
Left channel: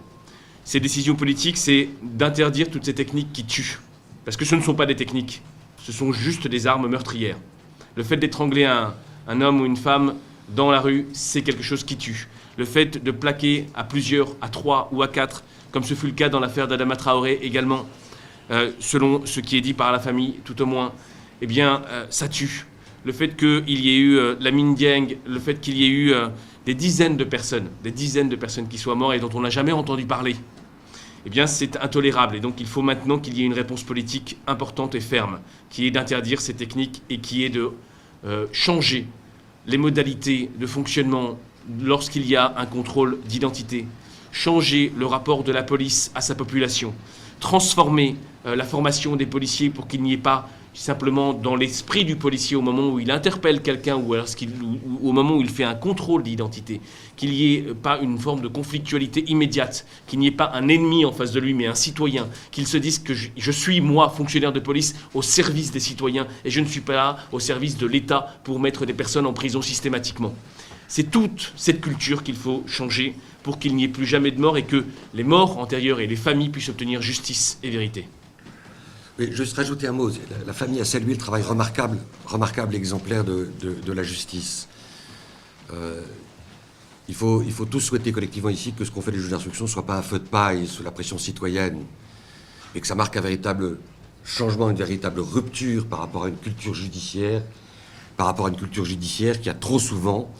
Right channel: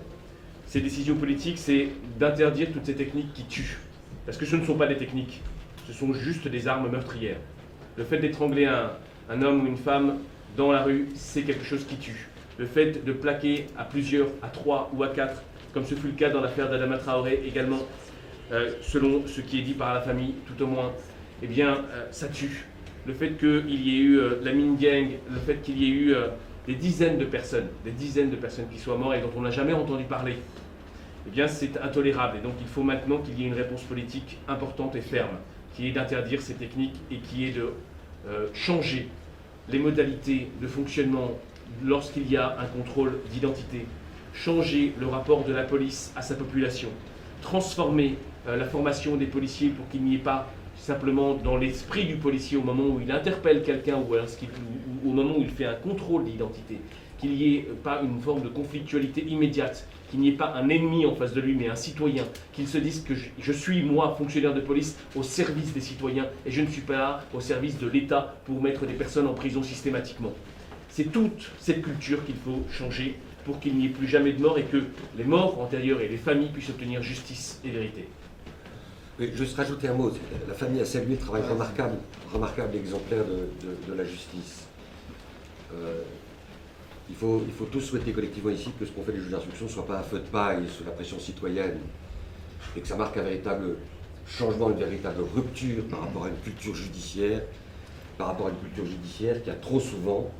Ces décisions politiques, c'est d'interdire toutes ces techniques qui tuent. Parce que ce ne sont pas des techniques, ce sont juste des armes meurtrières. Le fait d'étrangler un homme ou une femme dans la rue, c'est quelque chose qui tue. Le fait de plaquer à plusieurs, à 3 ou à 4, comme ce fut le cas dans l'affaire d'Adama Traoré également, selon ce qui est dit par la famille, tout au moins, eh bien, ça tue. Le fait qu'il y ait eu la Minh Dieng, le fait qu'il y ait eu des dizaines de personnes qui soient mortes et dont on n'a jamais entendu parler, eh bien, c'est intolérable. Et donc, il faut maintenant qu'il y ait une réponse politique importante et ferme, qui est d'interdire ces techniques et qui est de changer les modalités de fonctionnement lorsqu'il y a un contrôle d'identité, changer le rapport de la police à sa population, transformer la formation des policiers pour qu'il n'y ait pas simplement dans l'esprit du policier au moment où il interpelle quelqu'un ou au moment où il fait un contrôle d'identité, qu'il n'y ait pas une forme de conflictualité immédiate, qu'il n'y ait pas un ennemi en face de lui mais un citoyen, qu'il se dise que je suis moi fonctionnaire de police au service des citoyens et je ne suis pas là au service de l'État pour mettre des personnes en prison systématiquement. C'est toute cette culture qu'il faut changer pour qu'il n'y ait plus jamais de mort et que les morts antérieurs et les familles puissent obtenir justice et vérité. Mais juste rajouter un mot. La famille a salué le travail remarquable exemplaire de la justice. Il faut tous souhaiter collectivement ici que ce qu'on fait des juges d'instruction ne soit pas un feu de paille sous la pression citoyenne et que ça marque un véritable changement, une véritable rupture par rapport à une culture judiciaire, qui a trop souvent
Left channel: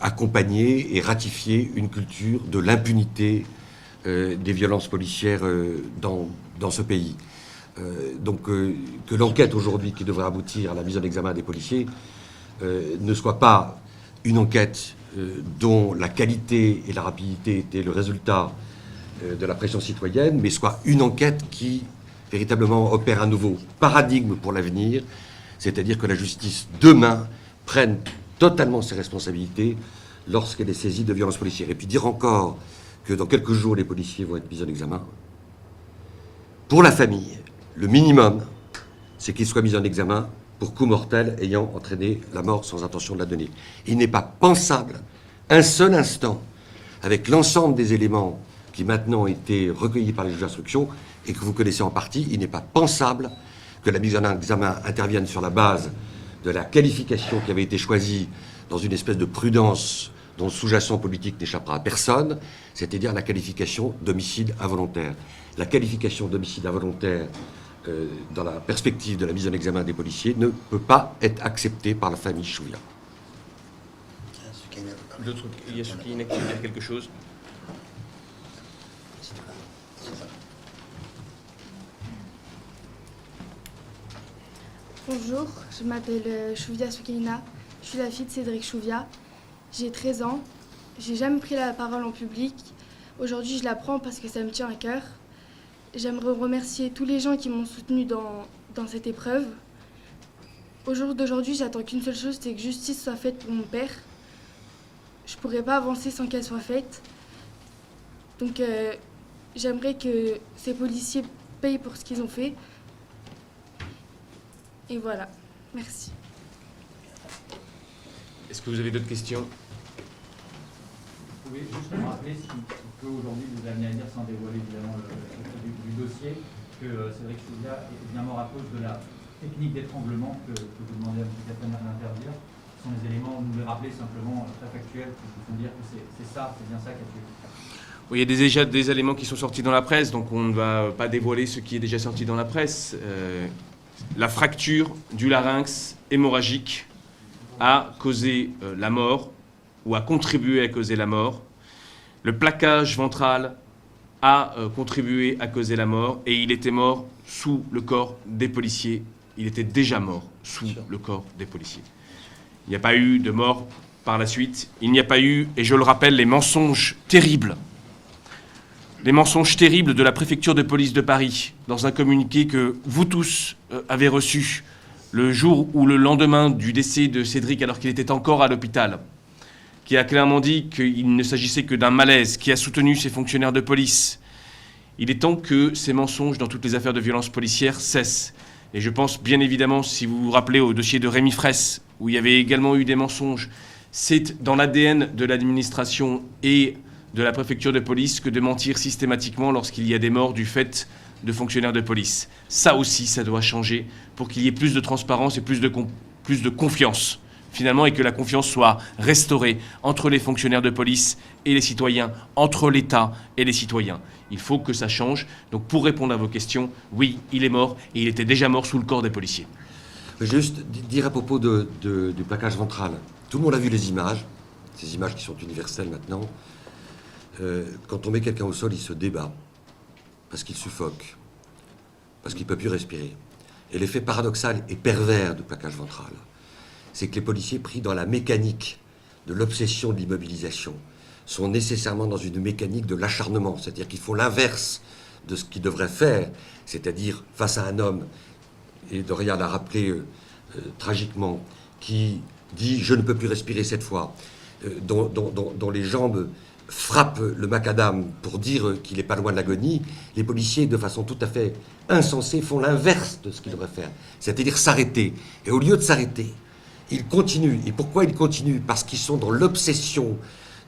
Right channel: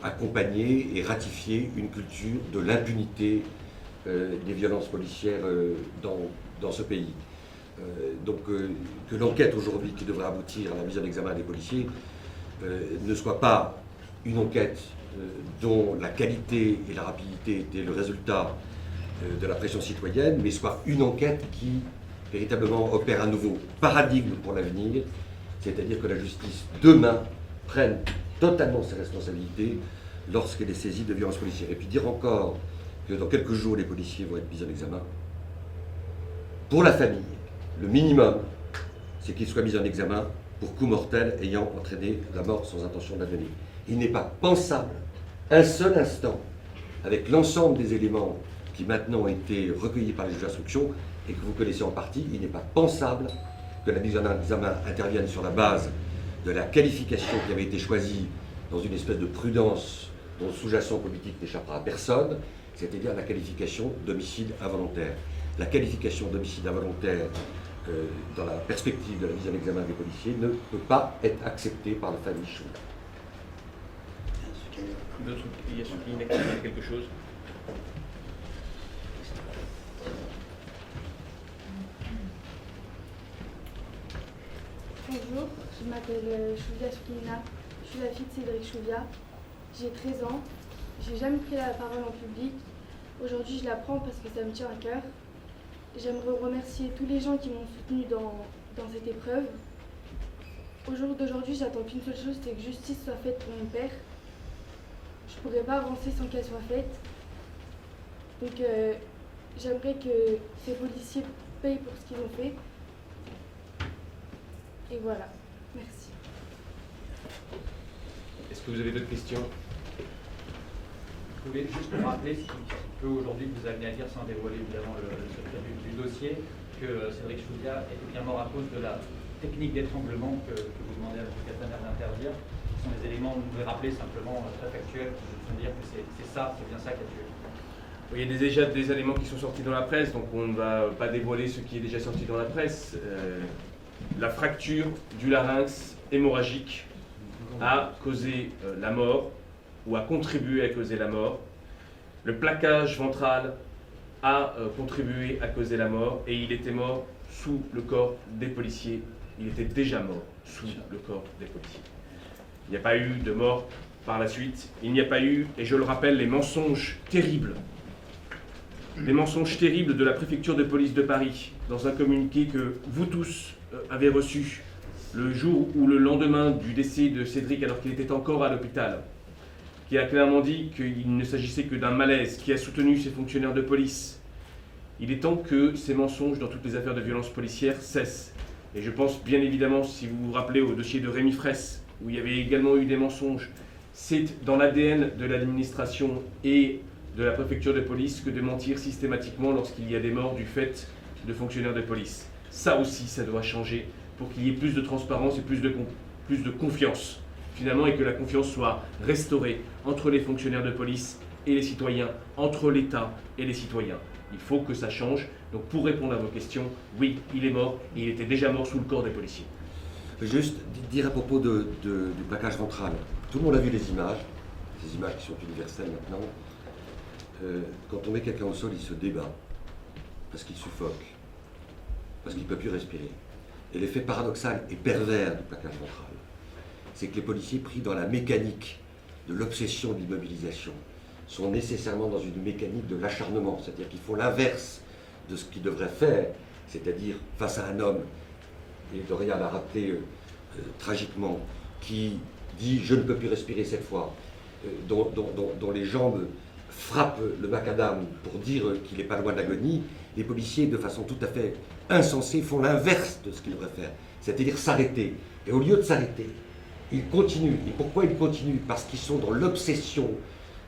accompagné et ratifié une culture de l'impunité des violences policières dans ce pays. Donc que l'enquête aujourd'hui qui devrait aboutir à la mise en examen des policiers ne soit pas une enquête dont la qualité et la rapidité étaient le résultat de la pression citoyenne, mais soit une enquête qui véritablement opère un nouveau paradigme pour l'avenir, c'est-à-dire que la justice demain prenne totalement ses responsabilités lorsqu'elle est saisie de violences policières. Et puis dire encore que dans quelques jours, les policiers vont être mis en examen. Pour la famille, le minimum, c'est qu'ils soient mis en examen pour coup mortel ayant entraîné la mort sans intention de la donner. Il n'est pas pensable, un seul instant, avec l'ensemble des éléments qui maintenant ont été recueillis par les juges d'instruction et que vous connaissez en partie, il n'est pas pensable que la mise en examen intervienne sur la base de la qualification qui avait été choisie dans une espèce de prudence dont le sous-jacent politique n'échappera à personne, c'est-à-dire la qualification d'homicide involontaire. La qualification d'homicide involontaire dans la perspective de la mise en examen des policiers, ne peut pas être accepté par la famille Chouia. D'autres, il y a ceux qui inactivent quelque chose. Bonjour, je m'appelle Chouvia Soukaina, je suis la fille de Cédric Chouvia. J'ai 13 ans, j'ai jamais pris la parole en public. Aujourd'hui, je la prends parce que ça me tient à cœur. J'aimerais remercier tous les gens qui m'ont soutenue dans cette épreuve. Au jour d'aujourd'hui, j'attends qu'une seule chose, c'est que justice soit faite pour mon père. Je ne pourrais pas avancer sans qu'elle soit faite. Donc, j'aimerais que ces policiers payent pour ce qu'ils ont fait. Et voilà, merci. Est-ce que vous avez d'autres questions? Vous pouvez juste nous rappeler ce qui peut aujourd'hui vous amener à dire, sans dévoiler évidemment le secret du dossier, que Cédric Chouvia est bien mort à cause de la technique d'étranglement que vous demandez à M. Castaner d'intervenir. Ce sont des éléments, vous nous les rappelez simplement, très factuels, qui vous font dire que c'est bien ça qui a tué. Oui, il y a déjà des éléments qui sont sortis dans la presse, donc on ne va pas dévoiler ce qui est déjà sorti dans la presse. La fracture du larynx hémorragique a causé la mort, ou a contribué à causer la mort. Le plaquage ventral a contribué à causer la mort, et il était mort sous le corps des policiers. Il était déjà mort sous le corps des policiers. Il n'y a pas eu de mort par la suite. Il n'y a pas eu, et je le rappelle, les mensonges terribles de la préfecture de police de Paris dans un communiqué que vous tous avez reçu le jour ou le lendemain du décès de Cédric alors qu'il était encore à l'hôpital, qui a clairement dit qu'il ne s'agissait que d'un malaise, qui a soutenu ces fonctionnaires de police. Il est temps que ces mensonges dans toutes les affaires de violence policière cessent. Et je pense bien évidemment, si vous vous rappelez au dossier de Rémi Fraisse, où il y avait également eu des mensonges, c'est dans l'ADN de l'administration et de la préfecture de police que de mentir systématiquement lorsqu'il y a des morts du fait de fonctionnaires de police. Ça aussi, ça doit changer pour qu'il y ait plus de transparence et plus de confiance, finalement, et que la confiance soit restaurée entre les fonctionnaires de police et les citoyens, entre l'État et les citoyens. Il faut que ça change. Donc pour répondre à vos questions, oui, il est mort, et il était déjà mort sous le corps des policiers. Juste dire à propos du plaquage ventral. Tout le monde a vu les images, ces images qui sont universelles maintenant. Quand on met quelqu'un au sol, il se débat, parce qu'il suffoque, parce qu'il ne peut plus respirer. Et l'effet paradoxal et pervers du plaquage ventral, c'est que les policiers pris dans la mécanique de l'obsession de l'immobilisation sont nécessairement dans une mécanique de l'acharnement, c'est-à-dire qu'ils font l'inverse de ce qu'ils devraient faire, c'est-à-dire face à un homme, et Dorian l'a rappelé tragiquement, qui dit « je ne peux plus respirer cette fois », dont les jambes frappent le macadam pour dire qu'il n'est pas loin de l'agonie, les policiers, de façon tout à fait insensée, font l'inverse de ce qu'ils devraient faire, c'est-à-dire s'arrêter. Et au lieu de s'arrêter, ils continuent. Et pourquoi ils continuent? Parce qu'ils sont dans l'obsession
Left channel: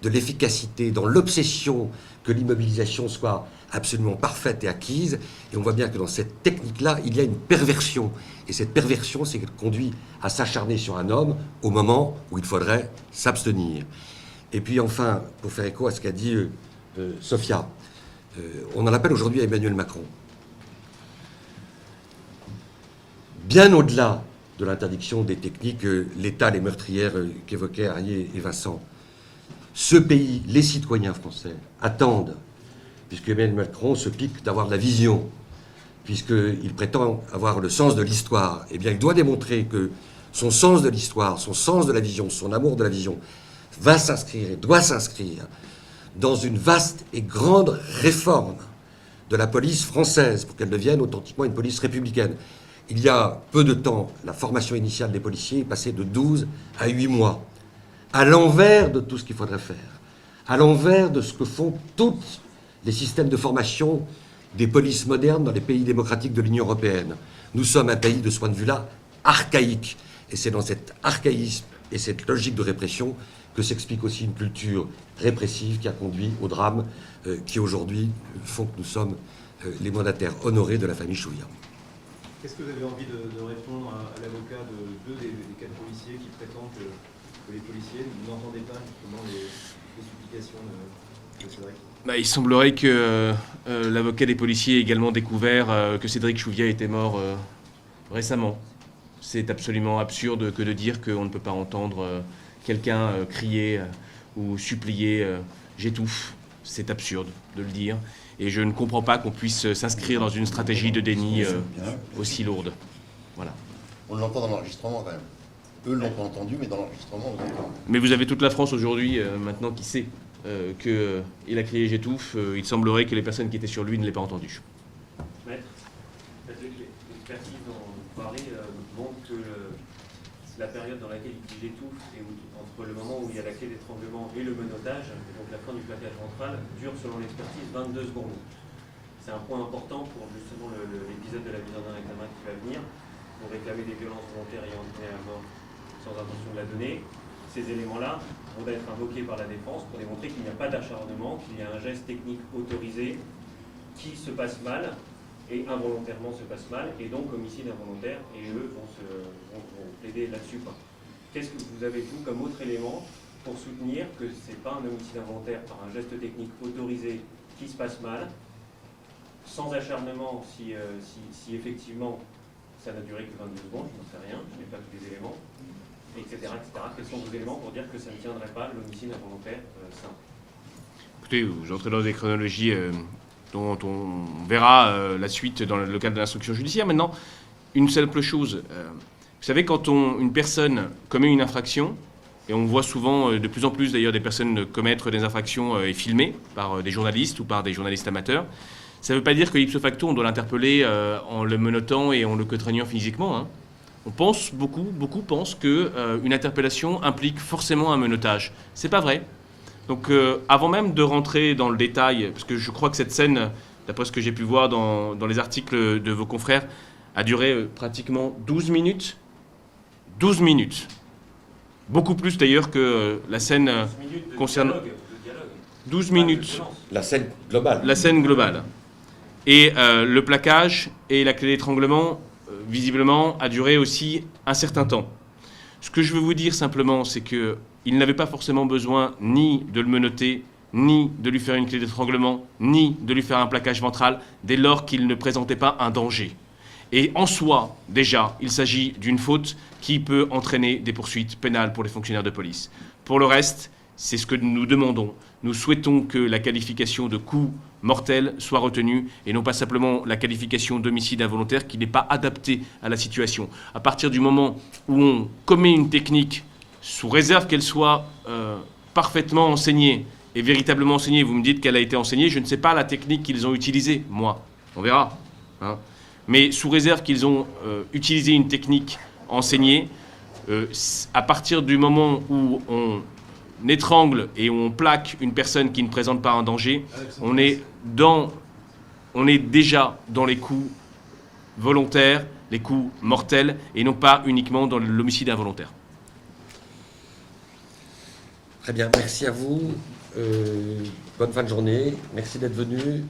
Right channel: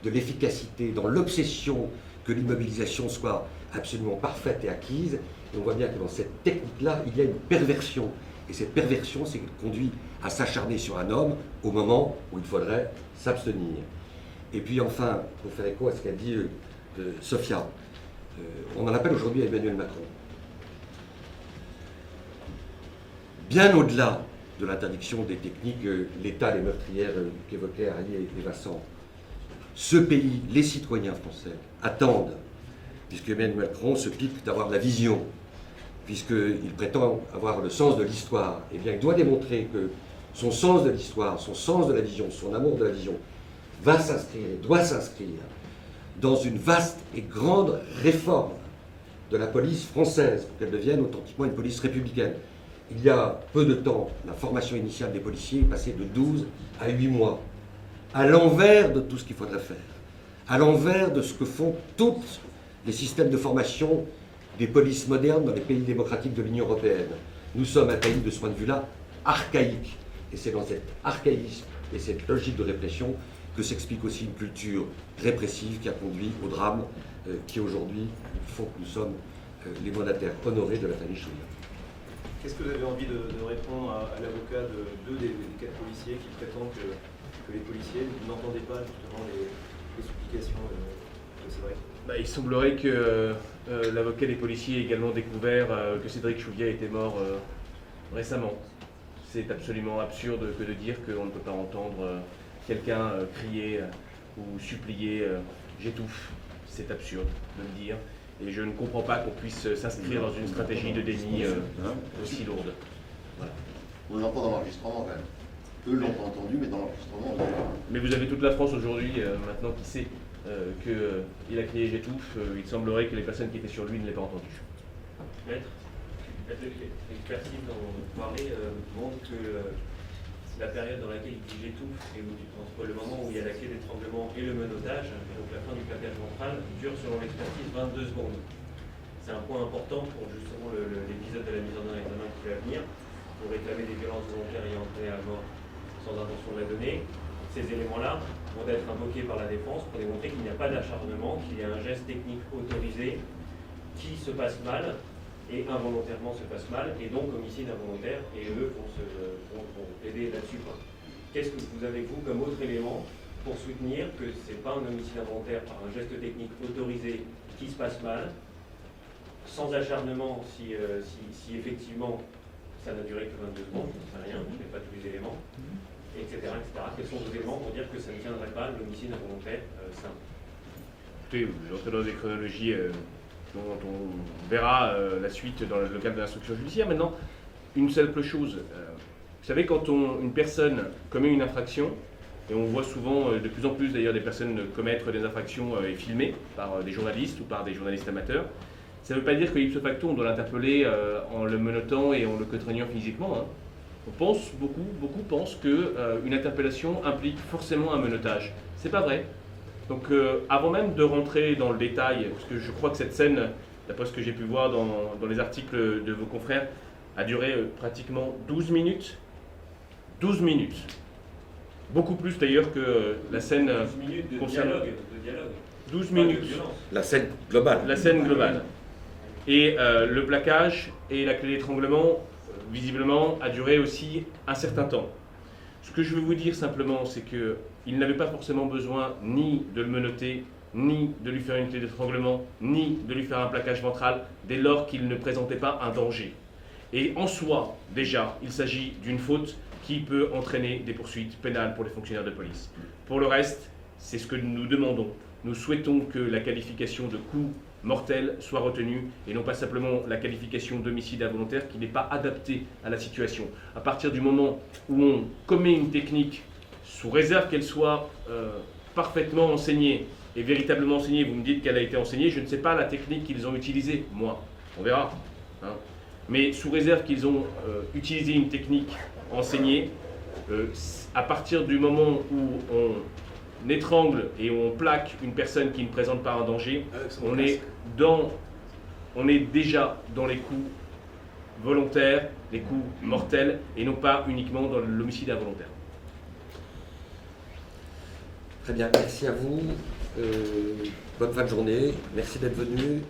de l'efficacité, dans l'obsession que l'immobilisation soit absolument parfaite et acquise. Et on voit bien que dans cette technique-là, il y a une perversion. Et cette perversion, c'est qu'elle conduit à s'acharner sur un homme au moment où il faudrait s'abstenir. Et puis enfin, pour faire écho à ce qu'a dit Sophia, on en appelle aujourd'hui à Emmanuel Macron. Bien au-delà de l'interdiction des techniques létales et meurtrières qu'évoquaient Arié et Vincent, ce pays, les citoyens français, attendent, puisque Emmanuel Macron se pique d'avoir de la vision, puisqu'il prétend avoir le sens de l'histoire, eh bien il doit démontrer que son sens de l'histoire, son sens de la vision, son amour de la vision, va s'inscrire et doit s'inscrire dans une vaste et grande réforme de la police française pour qu'elle devienne authentiquement une police républicaine. Il y a peu de temps, la formation initiale des policiers est passée de 12 à 8 mois, à l'envers de tout ce qu'il faudrait faire, à l'envers de ce que font tous les systèmes de formation des polices modernes dans les pays démocratiques de l'Union européenne. Nous sommes un pays, de ce point de vue-là, archaïque. Et c'est dans cet archaïsme et cette logique de répression que s'explique aussi une culture répressive qui a conduit au drame qui aujourd'hui font que nous sommes les mandataires honorés de la famille Chouia. Qu'est-ce que vous avez envie de répondre à l'avocat de deux des quatre policiers qui prétendent que les policiers n'entendaient pas justement les supplications de Cédric? Il semblerait que l'avocat des policiers a également découvert que Cédric Chouviat était mort récemment. C'est absolument absurde que de dire qu'on ne peut pas entendre quelqu'un crier ou supplier « j'étouffe ». C'est absurde de le dire. Et je ne comprends pas qu'on puisse s'inscrire dans une stratégie de déni aussi lourde. Voilà. On l'entend dans l'enregistrement quand même. Eux l'ont pas entendu, mais dans l'enregistrement, vous avez... Mais vous avez toute la France aujourd'hui maintenant qui sait qu'il a crié « j'étouffe ». Il semblerait que les personnes qui étaient sur lui ne l'aient pas entendu. Maître, l'expertise dont vous parlez montre que la période dans laquelle il dit j'étouffe et entre le moment où il y a la clé d'étranglement et le menottage, et donc la fin du plaquage ventral, dure selon l'expertise 22 secondes. C'est un point important pour justement l'épisode de la mise en examen qui va venir, pour réclamer des violences volontaires ayant entraîné la mort sans intention de la donner. Ces éléments-là vont être invoqués par la défense pour démontrer qu'il n'y a pas d'acharnement, qu'il y a un geste technique autorisé qui se passe mal et involontairement se passe mal, et donc homicide involontaire, et eux vont plaider là-dessus. Qu'est-ce que vous avez, vous, comme autre élément pour soutenir que ce n'est pas un homicide involontaire par un geste technique autorisé qui se passe mal, sans acharnement si effectivement ça n'a duré que 22 secondes, je ne sais rien, je n'ai pas tous les éléments, etc., etc. Quels sont vos éléments pour dire que ça ne tiendrait pas l'homicide involontaire simple? Écoutez, j'entrerai dans des chronologies dont on verra la suite dans le cadre de l'instruction judiciaire. Maintenant, une simple chose. Vous savez, quand une personne commet une infraction, et on voit souvent, de plus en plus d'ailleurs, des personnes commettre des infractions et filmées par des journalistes ou par des journalistes amateurs, ça ne veut pas dire que ipso facto, on doit l'interpeller en le menottant et en le contraignant physiquement. Hein. On pense, beaucoup pensent qu'une interpellation implique forcément un menottage. C'est pas vrai. Donc avant même de rentrer dans le détail, parce que je crois que cette scène, d'après ce que j'ai pu voir dans les articles de vos confrères, a duré pratiquement 12 minutes. 12 minutes. Beaucoup plus d'ailleurs que la scène concernant... 12 minutes. La scène globale. La scène globale. Et le plaquage et la clé d'étranglement, visiblement, a duré aussi un certain temps. Ce que je veux vous dire simplement, c'est qu'il n'avait pas forcément besoin ni de le menotter, ni de lui faire une clé d'étranglement, ni de lui faire un plaquage ventral, dès lors qu'il ne présentait pas un danger. Et en soi, déjà, il s'agit d'une faute qui peut entraîner des poursuites pénales pour les fonctionnaires de police. Pour le reste, c'est ce que nous demandons. Nous souhaitons que la qualification de coup mortel soit retenue et non pas simplement la qualification d'homicide involontaire qui n'est pas adaptée à la situation. À partir du moment où on commet une technique, sous réserve qu'elle soit parfaitement enseignée et véritablement enseignée, vous me dites qu'elle a été enseignée, je ne sais pas la technique qu'ils ont utilisée, moi, on verra. Hein. Mais sous réserve qu'ils ont utilisé une technique enseignée, à partir du moment où on étrangle et où on plaque une personne qui ne présente pas un danger, on est déjà dans les coups volontaires, les coups mortels, et non pas uniquement dans l'homicide involontaire. Très bien, merci à vous. Bonne fin de journée. Merci d'être venu.